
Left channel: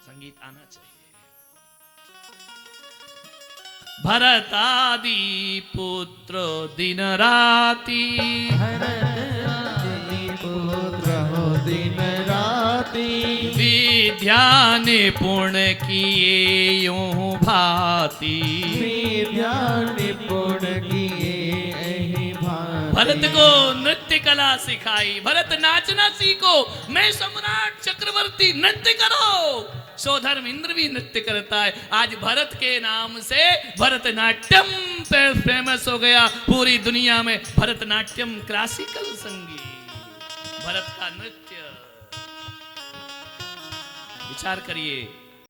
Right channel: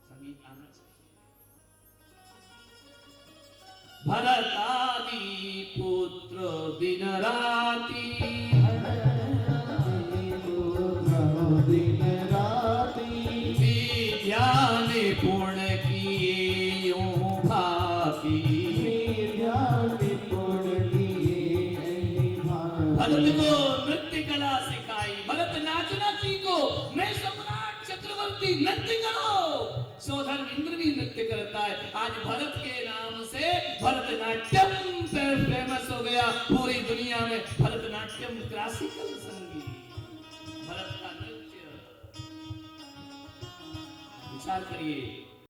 संगीत आना चाहिए। भरत आदि पुत्र दिन राति, पुत्र हो दिन राति, विद्या निपुण किए यूं भांति, विद्या निपुण किए यही भांति। भरत को नृत्य कला सिखाई, भरत नाचना सीखो, मैं सम्राट चक्रवर्ती, नृत्य करो, सोधर्म इंद्र भी नृत्य करता है। आज भरत के नाम से भरतनाट्यम फेमस हो गया पूरी दुनिया में। भरतनाट्यम क्लासिकल संगीत, भरत का नृत्य। विचार करिए,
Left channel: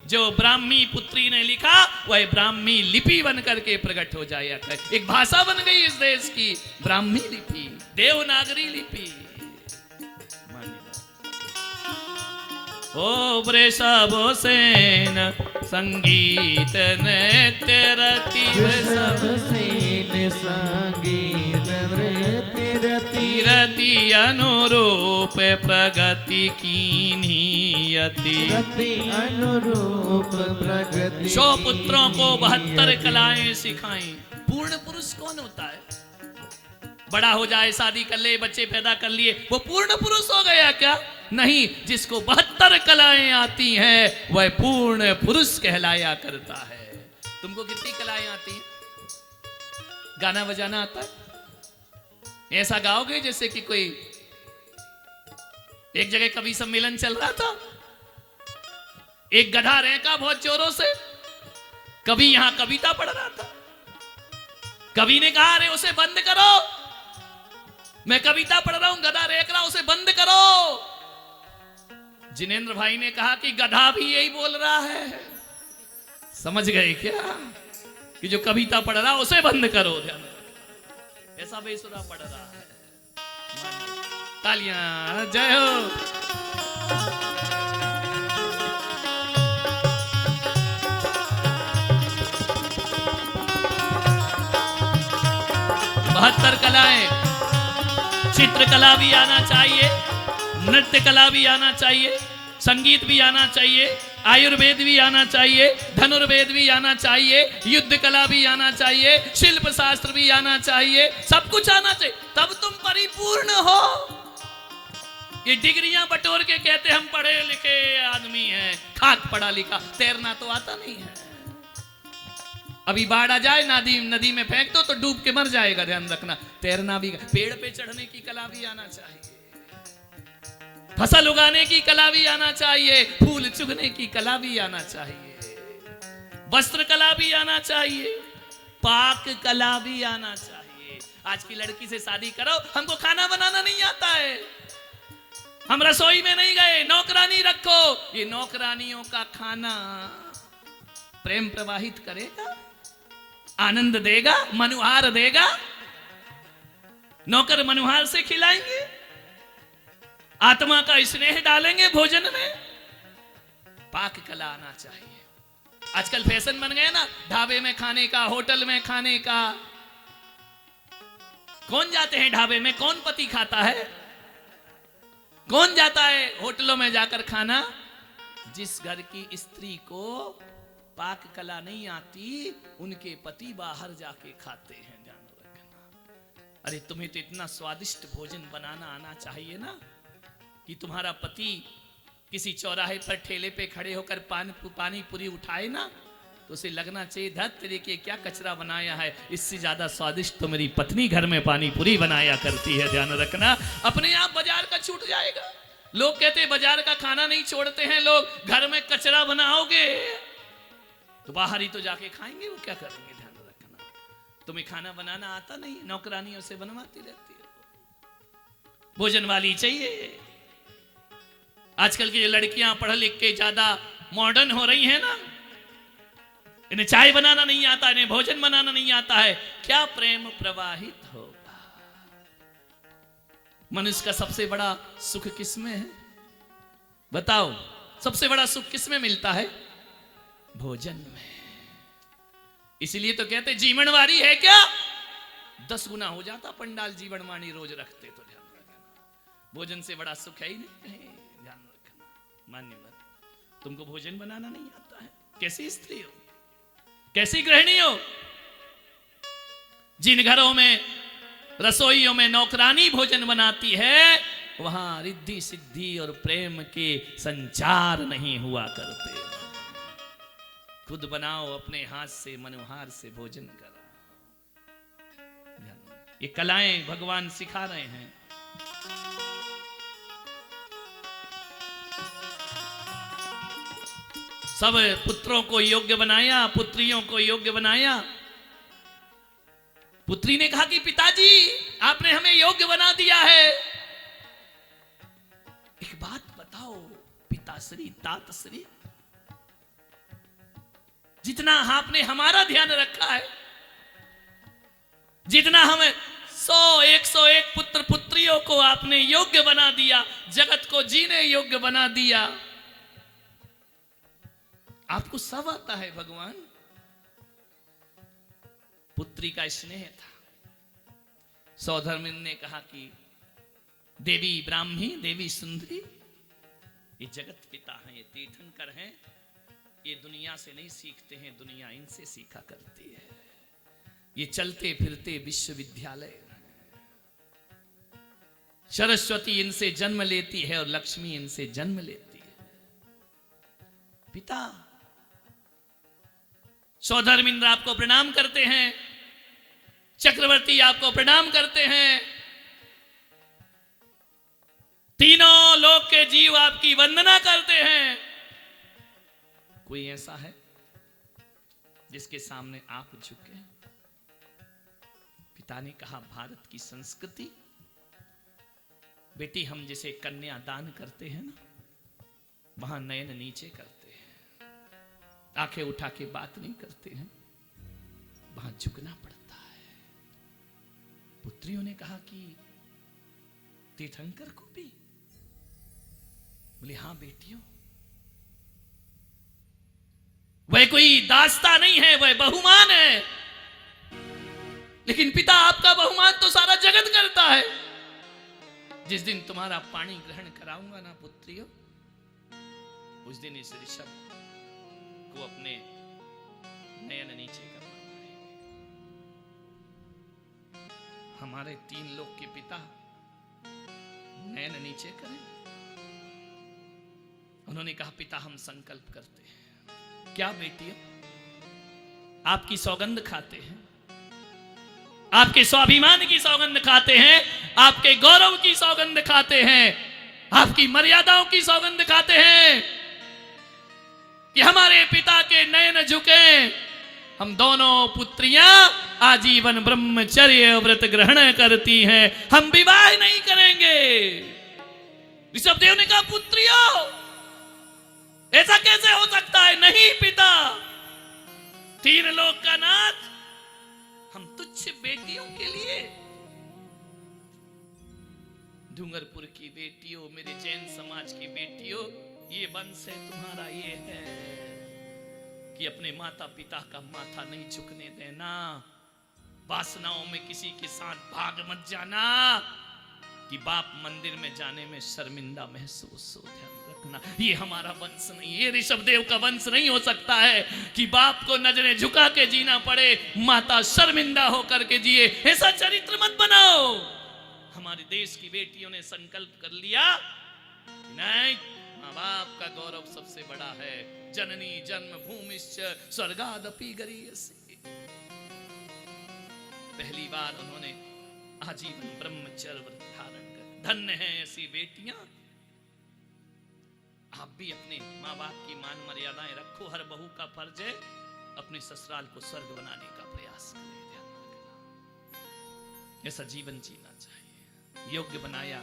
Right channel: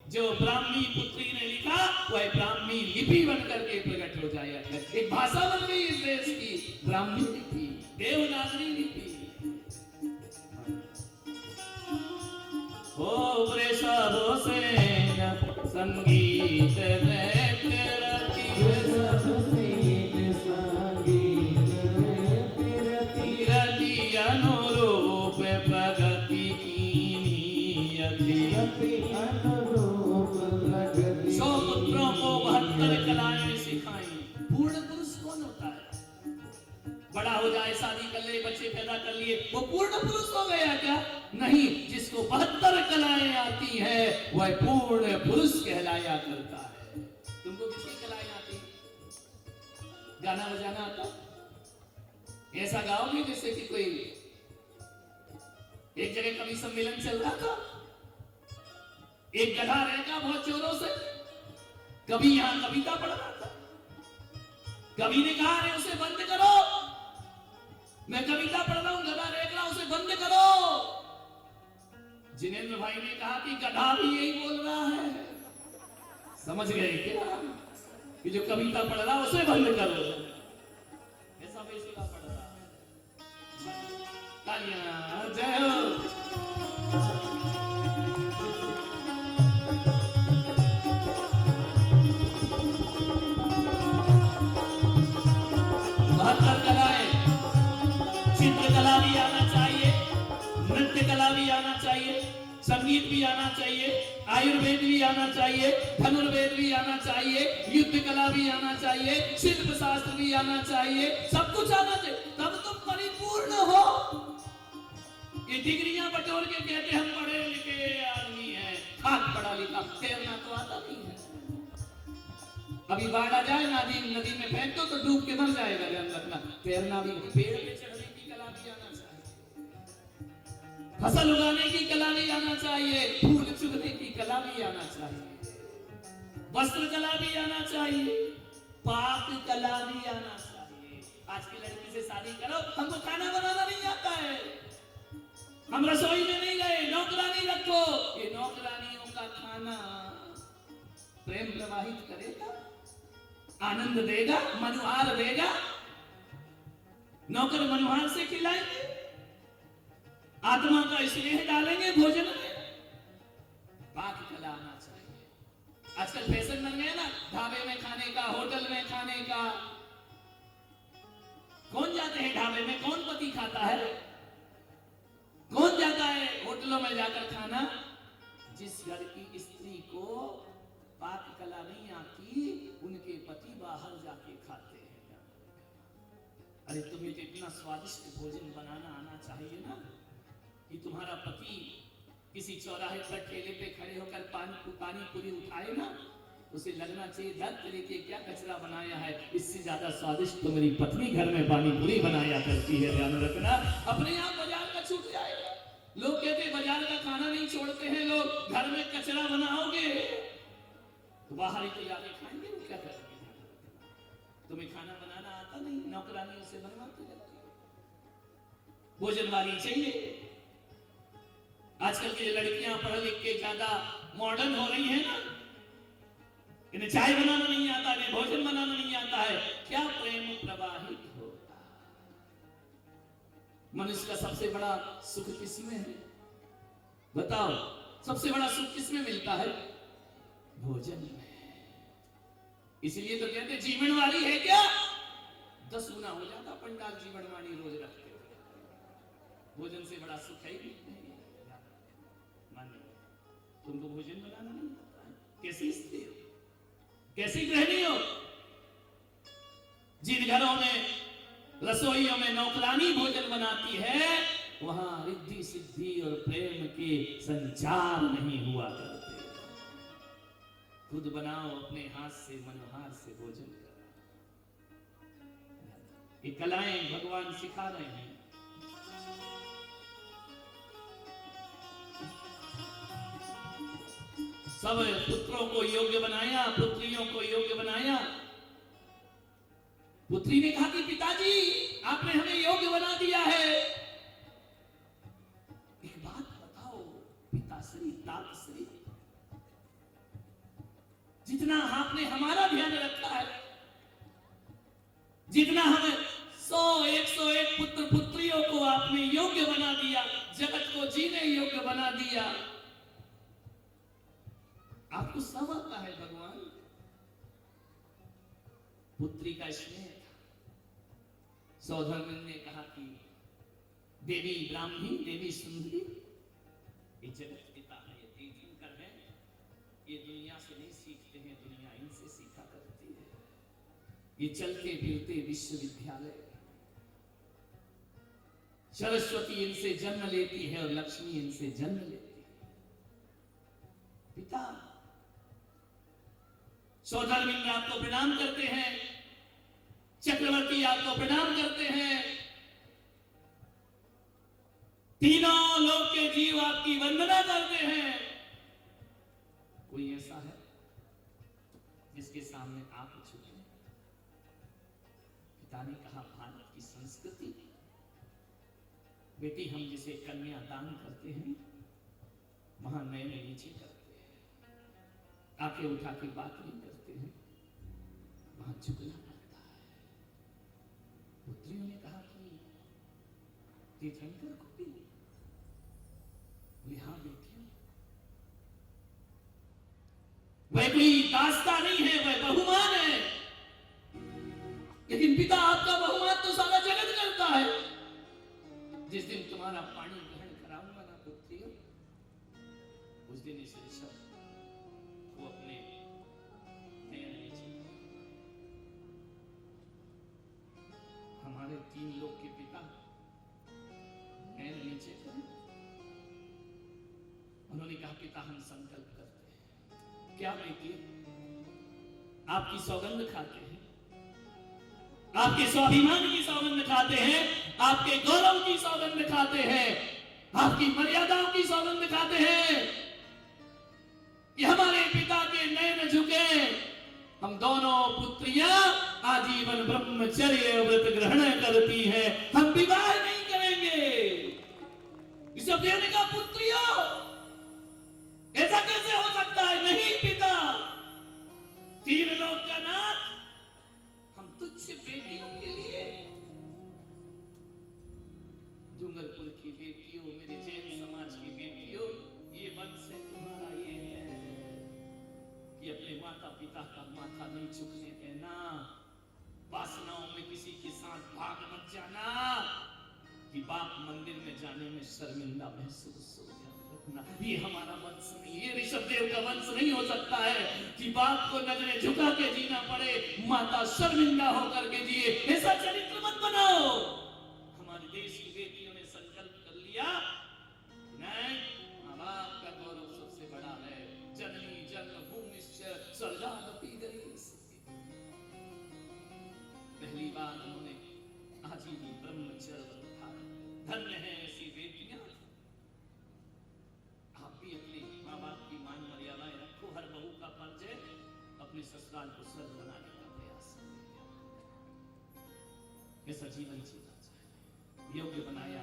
जो ब्राह्मी पुत्री ने लिखा वह ब्राह्मी लिपि बन करके प्रकट हो जाए। एक भाषा बन गई इस देश की, ब्राह्मी लिपि, देवनागरी लिपि। ओ वृषभ सेन संगीत नृत्य रति, वृषभ सेन संगीत नृत्य रति, रति अनुरूप प्रगति कीन्ही यति। रति अनुरूप प्रगति। 100 पुत्रों को 72 कलाएं सिखाई। पूर्ण पुरुष कौन होता है? बड़ा हो जाए, शादी कर ले, बच्चे पैदा कर लिए, वो पूर्ण पुरुष हो गया क्या? नहीं, जिसको 72 कलाएं आती हैं वह पूर्ण पुरुष कहलाया करता है। तुमको कितनी कलाएं आती हैं? गाना बजाना आता है? ऐसा गाओगे जैसे कि कोई एक जगह कवि सम्मेलन चल रहा था, एक गधा रहका बहुत जोरों से, कवि यहां कविता पढ़ रहा था। कवि ने कहा, अरे उसे बंद करो, मैं कविता पढ़ रहा हूं, गधा रेख रहा, उसे बंद करो। जिनेंद्र भाई ने कहा कि गधा भी यही बोल रहा है। समझ गए क्या कि जो कविता पढ़ रहा उसे बंद करो। ऐसा बेसुरा पढ़ रहा है। तालियां, जय हो। बहत्तर कलाएं, चित्रकला भी आना चाहिए, नृत्य कला भी आना चाहिए, संगीत भी आना चाहिए, आयुर्वेद भी आना चाहिए, धनुर्वेद भी आना चाहिए, युद्ध कला भी आना चाहिए, शिल्प शास्त्र भी आना चाहिए, सब कुछ आना चाहिए, तब तुम परिपूर्ण हो। ये डिग्रियां बटोर के कहते हम पढ़े लिखे आदमी हैं, खाक पढ़ा लिखा, तैरना तो आता नहीं है। अभी बाढ़ आ जाए, नदी में फेंक दो तो डूब के मर जाएगा, ध्यान रखना। तैरना भी, पेड़ पे चढ़ने की कला भी आना चाहिए, फसल उगाने की कला भी आना चाहिए, फूल चुगने की कला भी आना चाहिए, वस्त्र कला भी आना चाहिए, पाक कला भी आना चाहिए। आज की लड़की से शादी करो, हमको खाना बनाना नहीं आता है, हम रसोई में नहीं गए, नौकरानी रखो। ये नौकरानियों का खाना प्रेम प्रवाहित करेगा, आनंद देगा, मनुहार देगा? नौकर मनुहार से खिलाएंगे, आत्मा का स्नेह डालेंगे भोजन में? पाक कला आना चाहिए। आजकल फैशन बन गया ना, ढाबे में खाने का, होटल में खाने का। कौन जाते हैं ढाबे में? कौन पति खाता है? कौन जाता है होटलों में जाकर खाना? जिस घर की स्त्री को पाक कला नहीं आती, उनके पति बाहर जाके खाते हैं। ध्यान रखना। अरे तुम्हें तो इतना स्वादिष्ट भोजन बनाना आना चाहिए ना, कि तुम्हारा पति किसी चौराहे पर ठेले पे खड़े होकर पानी पूरी उठाए ना, तो उसे लगना चाहिए, धत तेरे के क्या कचरा बनाया है, इससे ज्यादा स्वादिष्ट तो मेरी पत्नी घर में पानी पूरी बनाया करती है। ध्यान रखना। अपने आप बाजार का छूट जाएगा। लोग कहते हैं बाजार का खाना नहीं छोड़ते हैं लोग, घर में कचरा बनाओगे तो बाहर ही तो जाके खाएंगे, वो क्या करेंगे? ध्यान रखना। तुम्हें खाना बनाना आता नहीं, नौकरानियों से बनवाती रहती है। भोजन वाली चाहिए। आजकल की लड़कियां पढ़ लिख के ज्यादा मॉडर्न हो रही हैं ना, इन्हें चाय बनाना नहीं आता, इन्हें भोजन बनाना नहीं आता है, क्या प्रेम प्रवाहित होगा? मनुष्य का सबसे बड़ा सुख किसमें है? बताओ, सबसे बड़ा सुख किसमें मिलता है? भोजन में। इसलिए तो कहते जीवनवाणी है क्या? 10 गुना हो जाता पंडाल जीवनवाणी रोज रखते तो। भोजन से बड़ा सुख है ही नहीं। ध्यान रखना। मान्य बात। तुमको भोजन बनाना नहीं आता है, कैसी स्त्री हो, कैसी गृहिणी हो? जिन घरों में रसोइयों में नौकरानी भोजन बनाती है, वहां रिद्धि सिद्धि और प्रेम के संचार नहीं हुआ करते। खुद बनाओ अपने हाथ से, मनोहार से भोजन करो। ये कलाएं भगवान सिखा रहे हैं। सब पुत्रों को योग्य बनाया, पुत्रियों को योग्य बनाया। पुत्री ने कहा कि पिताजी आपने हमें योग्य बना दिया है, एक बात बताओ पिताश्री तातश्री, जितना आपने हमारा ध्यान रखा है, जितना हमें 100-101 पुत्र पुत्रियों को आपने योग्य बना दिया, जगत को जीने योग्य बना दिया, आपको सब आता है भगवान। पुत्री का स्नेह था। सौधर्मिन ने कहा कि देवी ब्राह्मी, देवी सुंदरी, ये जगत पिता हैं, ये तीर्थंकर हैं, ये दुनिया से नहीं सीखते हैं, दुनिया इनसे सीखा करती है। ये चलते फिरते विश्वविद्यालय, सरस्वती इनसे जन्म लेती है और लक्ष्मी इनसे जन्म लेती है। पिता सौधर्मिंद्र आपको प्रणाम करते हैं, चक्रवर्ती आपको प्रणाम करते हैं, तीनों लोक के जीव आपकी वंदना करते हैं। कोई ऐसा है जिसके सामने आप झुके? पिता ने कहा भारत की संस्कृति, बेटी हम जिसे कन्या दान करते हैं ना, वहां नयन नीचे करते हैं, आंखें उठा के बात नहीं करते हैं, वहां झुकना पड़ता है। पुत्रियों ने कहा कि तीर्थंकर को भी? बोले हाँ बेटियों, वह कोई दास्ता नहीं है, वह बहुमान है। लेकिन पिता आपका बहुमान तो सारा जगत करता है। जिस दिन तुम्हारा पानी ग्रहण कराऊंगा ना पुत्रियों, उस दिन इस ऋषभ को अपने नयन नीचे करना पड़ेगा। हमारे 3 लोग के पिता नयन नीचे करें। उन्होंने कहा पिता हम संकल्प करते हैं। क्या बेटियों? आपकी सौगंध खाते हैं, आपके स्वाभिमान की सौगंध खाते हैं, आपके गौरव की सौगंध खाते हैं, आपकी मर्यादाओं की सौगंध खाते हैं कि हमारे पिता के नयन झुके। हम दोनों पुत्रियां आजीवन ब्रह्मचर्य व्रत ग्रहण करती हैं, हम विवाह नहीं करेंगे। ऋषभदेव ने कहा पुत्रियों ऐसा कैसे हो सकता है? नहीं पिता, 3 लोक का नाथ, हम तुच्छ बेटियों के लिए, डूंगरपुर की बेटियों, मेरे जैन समाज की बेटियों, ये वंश है तुम्हारा, ये है कि अपने माता पिता का माथा नहीं झुकने देना, वासनाओं में किसी के साथ भाग मत जाना, कि बाप मंदिर में जाने में शर्मिंदा महसूस हो। ध्यान रखना, ये हमारा वंश नहीं, ये ऋषभदेव का वंश नहीं हो सकता है कि बाप को नजरें झुका के जीना पड़े, माता शर्मिंदा होकर के जिए। ऐसा चरित्र मत बनाओ। हमारे देश की बेटियों ने संकल्प कर लिया, नहीं, माँ बाप का गौरव सबसे बड़ा है। जननी जन्मभूमिश्च स्वर्गादपि गरीयसी। पहली बार उन्होंने आजीवन ब्रह्मचर्य व्रत धारण कर। धन्य है ऐसी बेटियां। आप भी अपने माँ बाप की मान मर्यादाएं रखो। हर बहू का फर्ज है अपने ससुराल को स्वर्ग बनाने का प्रयास करें। ध्यान रखना, ऐसा जीवन जीना चाहिए। योग्य बनाया।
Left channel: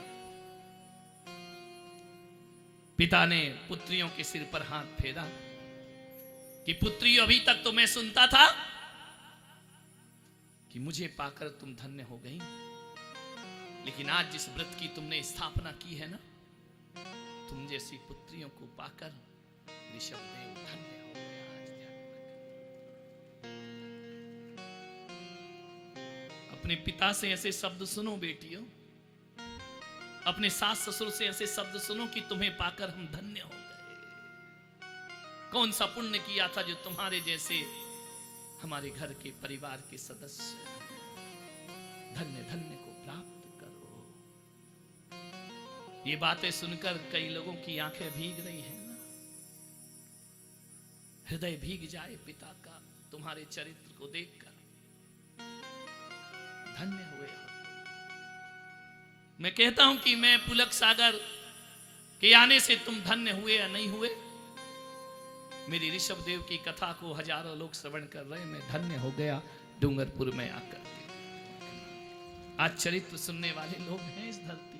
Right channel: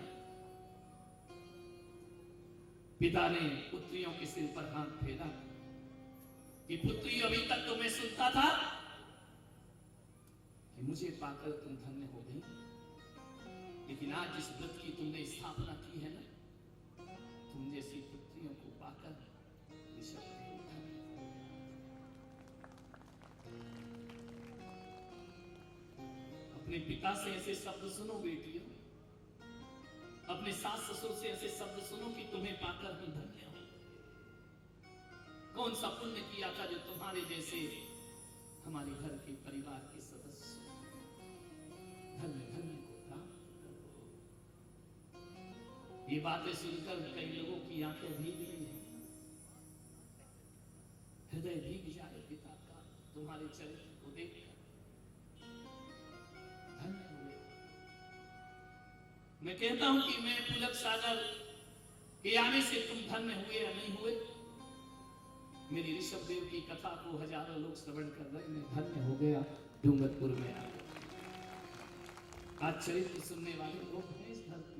पिता ने पुत्रियों के सिर पर हाथ फेरा कि पुत्रियों, अभी तक तो मैं सुनता था कि मुझे पाकर तुम धन्य हो गई, लेकिन आज जिस व्रत की तुमने स्थापना की है ना, तुम जैसी पुत्रियों को पाकर ऋषभदेव धन्य हो गया। अपने पिता से ऐसे शब्द सुनो बेटियों, अपने सास ससुर से ऐसे शब्द सुनो कि तुम्हें पाकर हम धन्य हो गए। कौन सा पुण्य किया था जो तुम्हारे जैसे हमारे घर के परिवार के सदस्य धन्य धन्य को प्राप्त करो। ये बातें सुनकर कई लोगों की आंखें भीग रही हैं, हृदय भीग जाए पिता का तुम्हारे चरित्र को देखकर। धन्य हुए। मैं कहता हूं कि मैं पुलक सागर के आने से तुम धन्य हुए या नहीं हुए, मेरी ऋषभ देव की कथा को हजारों लोग श्रवण कर रहे हैं। मैं धन्य हो गया डूंगरपुर में आकर। आज चरित्र सुनने वाले लोग हैं इस धरती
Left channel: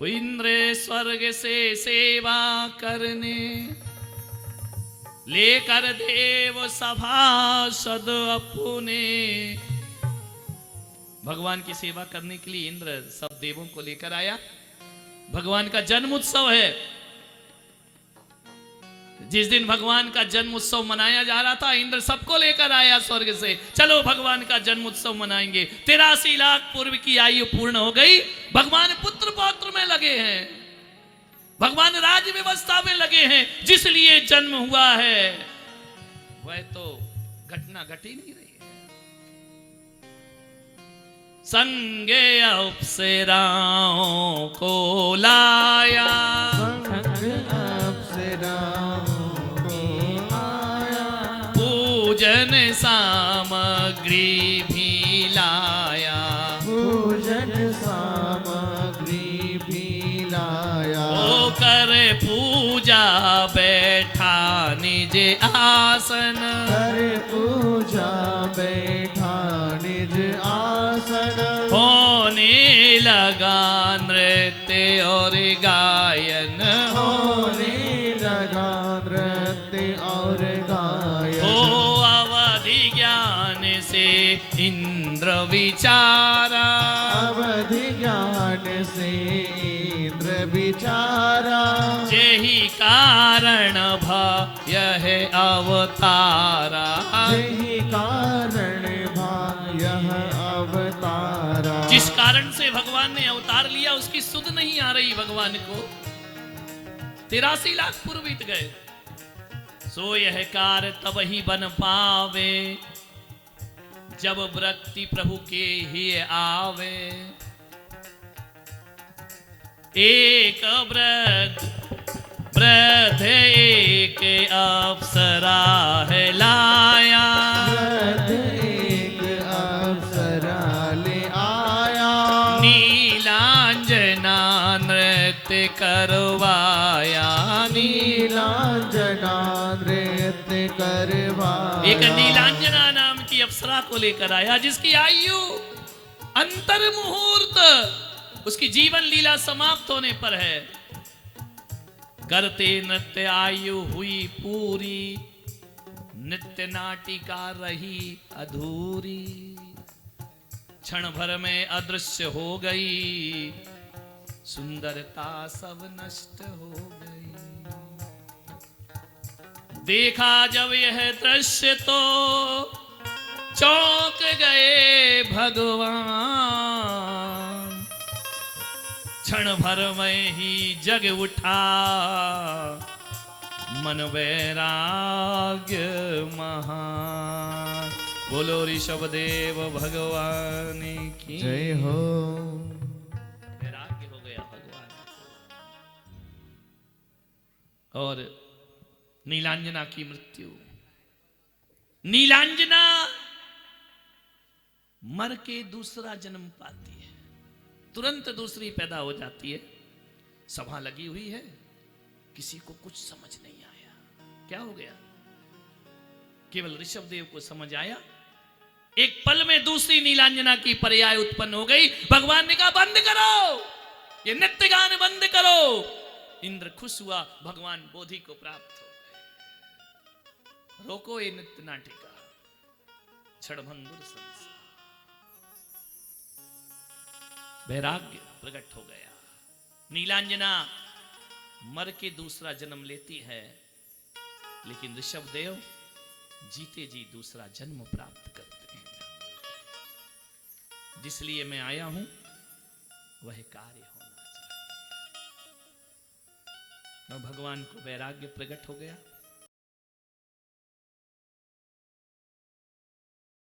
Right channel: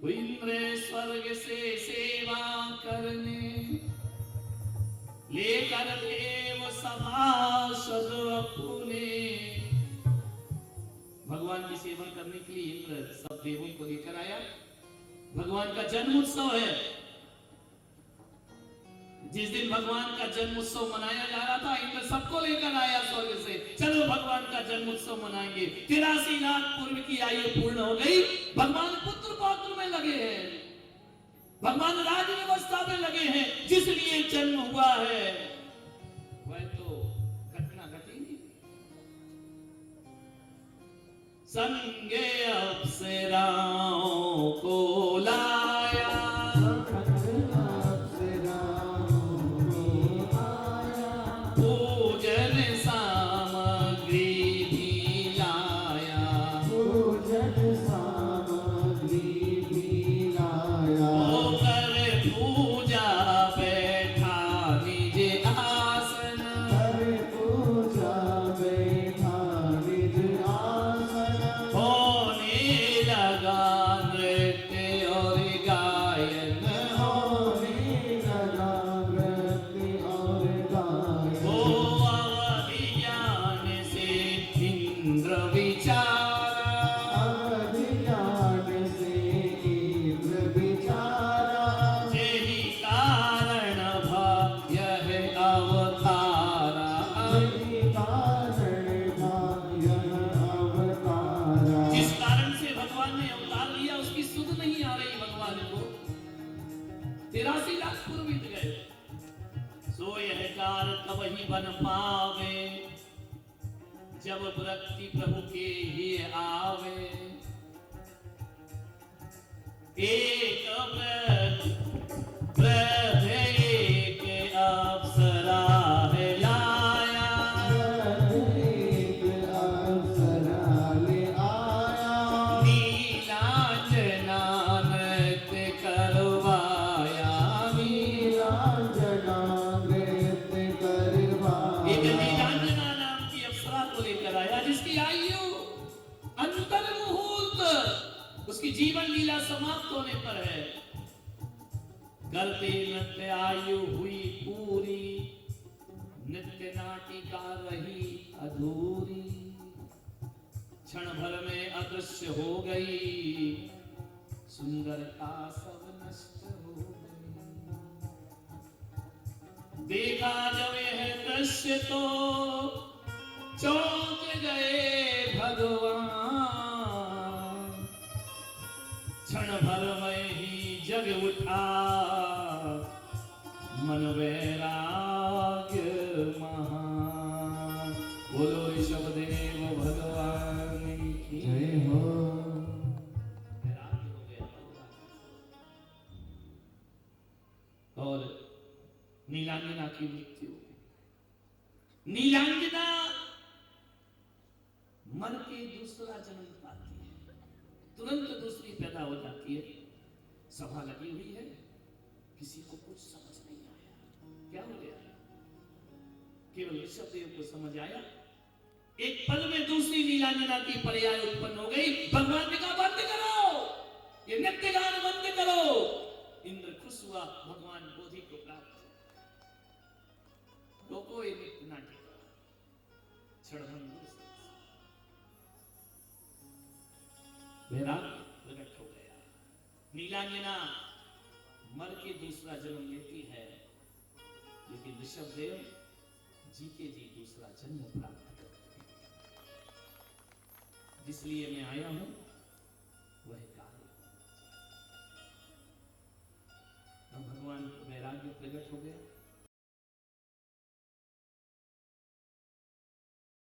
पर। इंद्र स्वर्ग से सेवा करने लेकर देव सभासद अपने। भगवान की सेवा करने के लिए इंद्र सब देवों को लेकर आया। भगवान का जन्म उत्सव है। जिस दिन भगवान का जन्म उत्सव मनाया जा रहा था, इंद्र सबको लेकर आया स्वर्ग से। चलो भगवान का जन्म उत्सव मनाएंगे। 83 लाख पूर्व की आयु पूर्ण हो गई। भगवान पुत्र पौत्र में लगे हैं, भगवान राज व्यवस्था में लगे हैं। जिस लिए जन्म हुआ है वह तो घटना घट ही नहीं रही है। संगे अप्सराओं को लाया, पूजन सामग्री भी लाया, पूजन सामग्री भी लाया। ओ कर पूजा बैठा निज आसन, कर पूजा बैठा निज आसन। होने लगा नृत्य और गायन, होने लगा नृत्य और गायन। ओ अवधि ज्ञान से इंद्र विचारा, अवधि ज्ञान से इंद्र विचारा। यही कारण भय है अवतारा, यही कारण यह अवतारा। जिस कारण से भगवान ने अवतार लिया उसकी सुध नहीं आ रही भगवान को। 83 लाख पूर्व बीत गए। सो यह कार्य तब ही बन पावे जब वृत्ति प्रभु के ही आवे। एक वृद्ध एक अप्सरा है लाया, एक अप्सरा ले आया। नीलांजना नृत्य करवाया, नीलांजना नृत्य करवाया। एक नीलांजना नाम की अप्सरा को लेकर आया जिसकी आयु अंतर मुहूर्त उसकी जीवन लीला समाप्त होने पर है। करते नृत्य आयु हुई पूरी, नित्य नाटिका रही अधूरी। क्षण भर में अदृश्य हो गई, सुंदरता सब नष्ट हो गई। देखा जब यह दृश्य तो चौंक गए भगवान। क्षण भर में ही जग उठा मन वैराग्य महान। बोलो ऋषभ देव भगवान की जय हो। वैराग्य हो गया भगवान। और नीलांजना की मृत्यु। नीलांजना मर के दूसरा जन्म पाती है, तुरंत दूसरी पैदा हो जाती है। सभा लगी हुई है, किसी को कुछ समझ नहीं आया क्या हो गया। केवल ऋषभ देव को समझ आया। एक पल में दूसरी नीलांजना की पर्याय उत्पन्न हो गई। भगवान ने कहा बंद करो, ये नृत्य गान बंद करो। इंद्र खुश हुआ, भगवान बोधि को प्राप्त हो गए। रोको ये नृत्य नाटिका, क्षणभंगुर संसार। वैराग्य प्रकट हो गया। नीलांजना मर के दूसरा जन्म लेती है, लेकिन ऋषभ देव जीते जी दूसरा जन्म प्राप्त करते हैं। जिसलिए मैं आया हूं वह कार्य होना चाहिए। भगवान को वैराग्य प्रकट हो गया।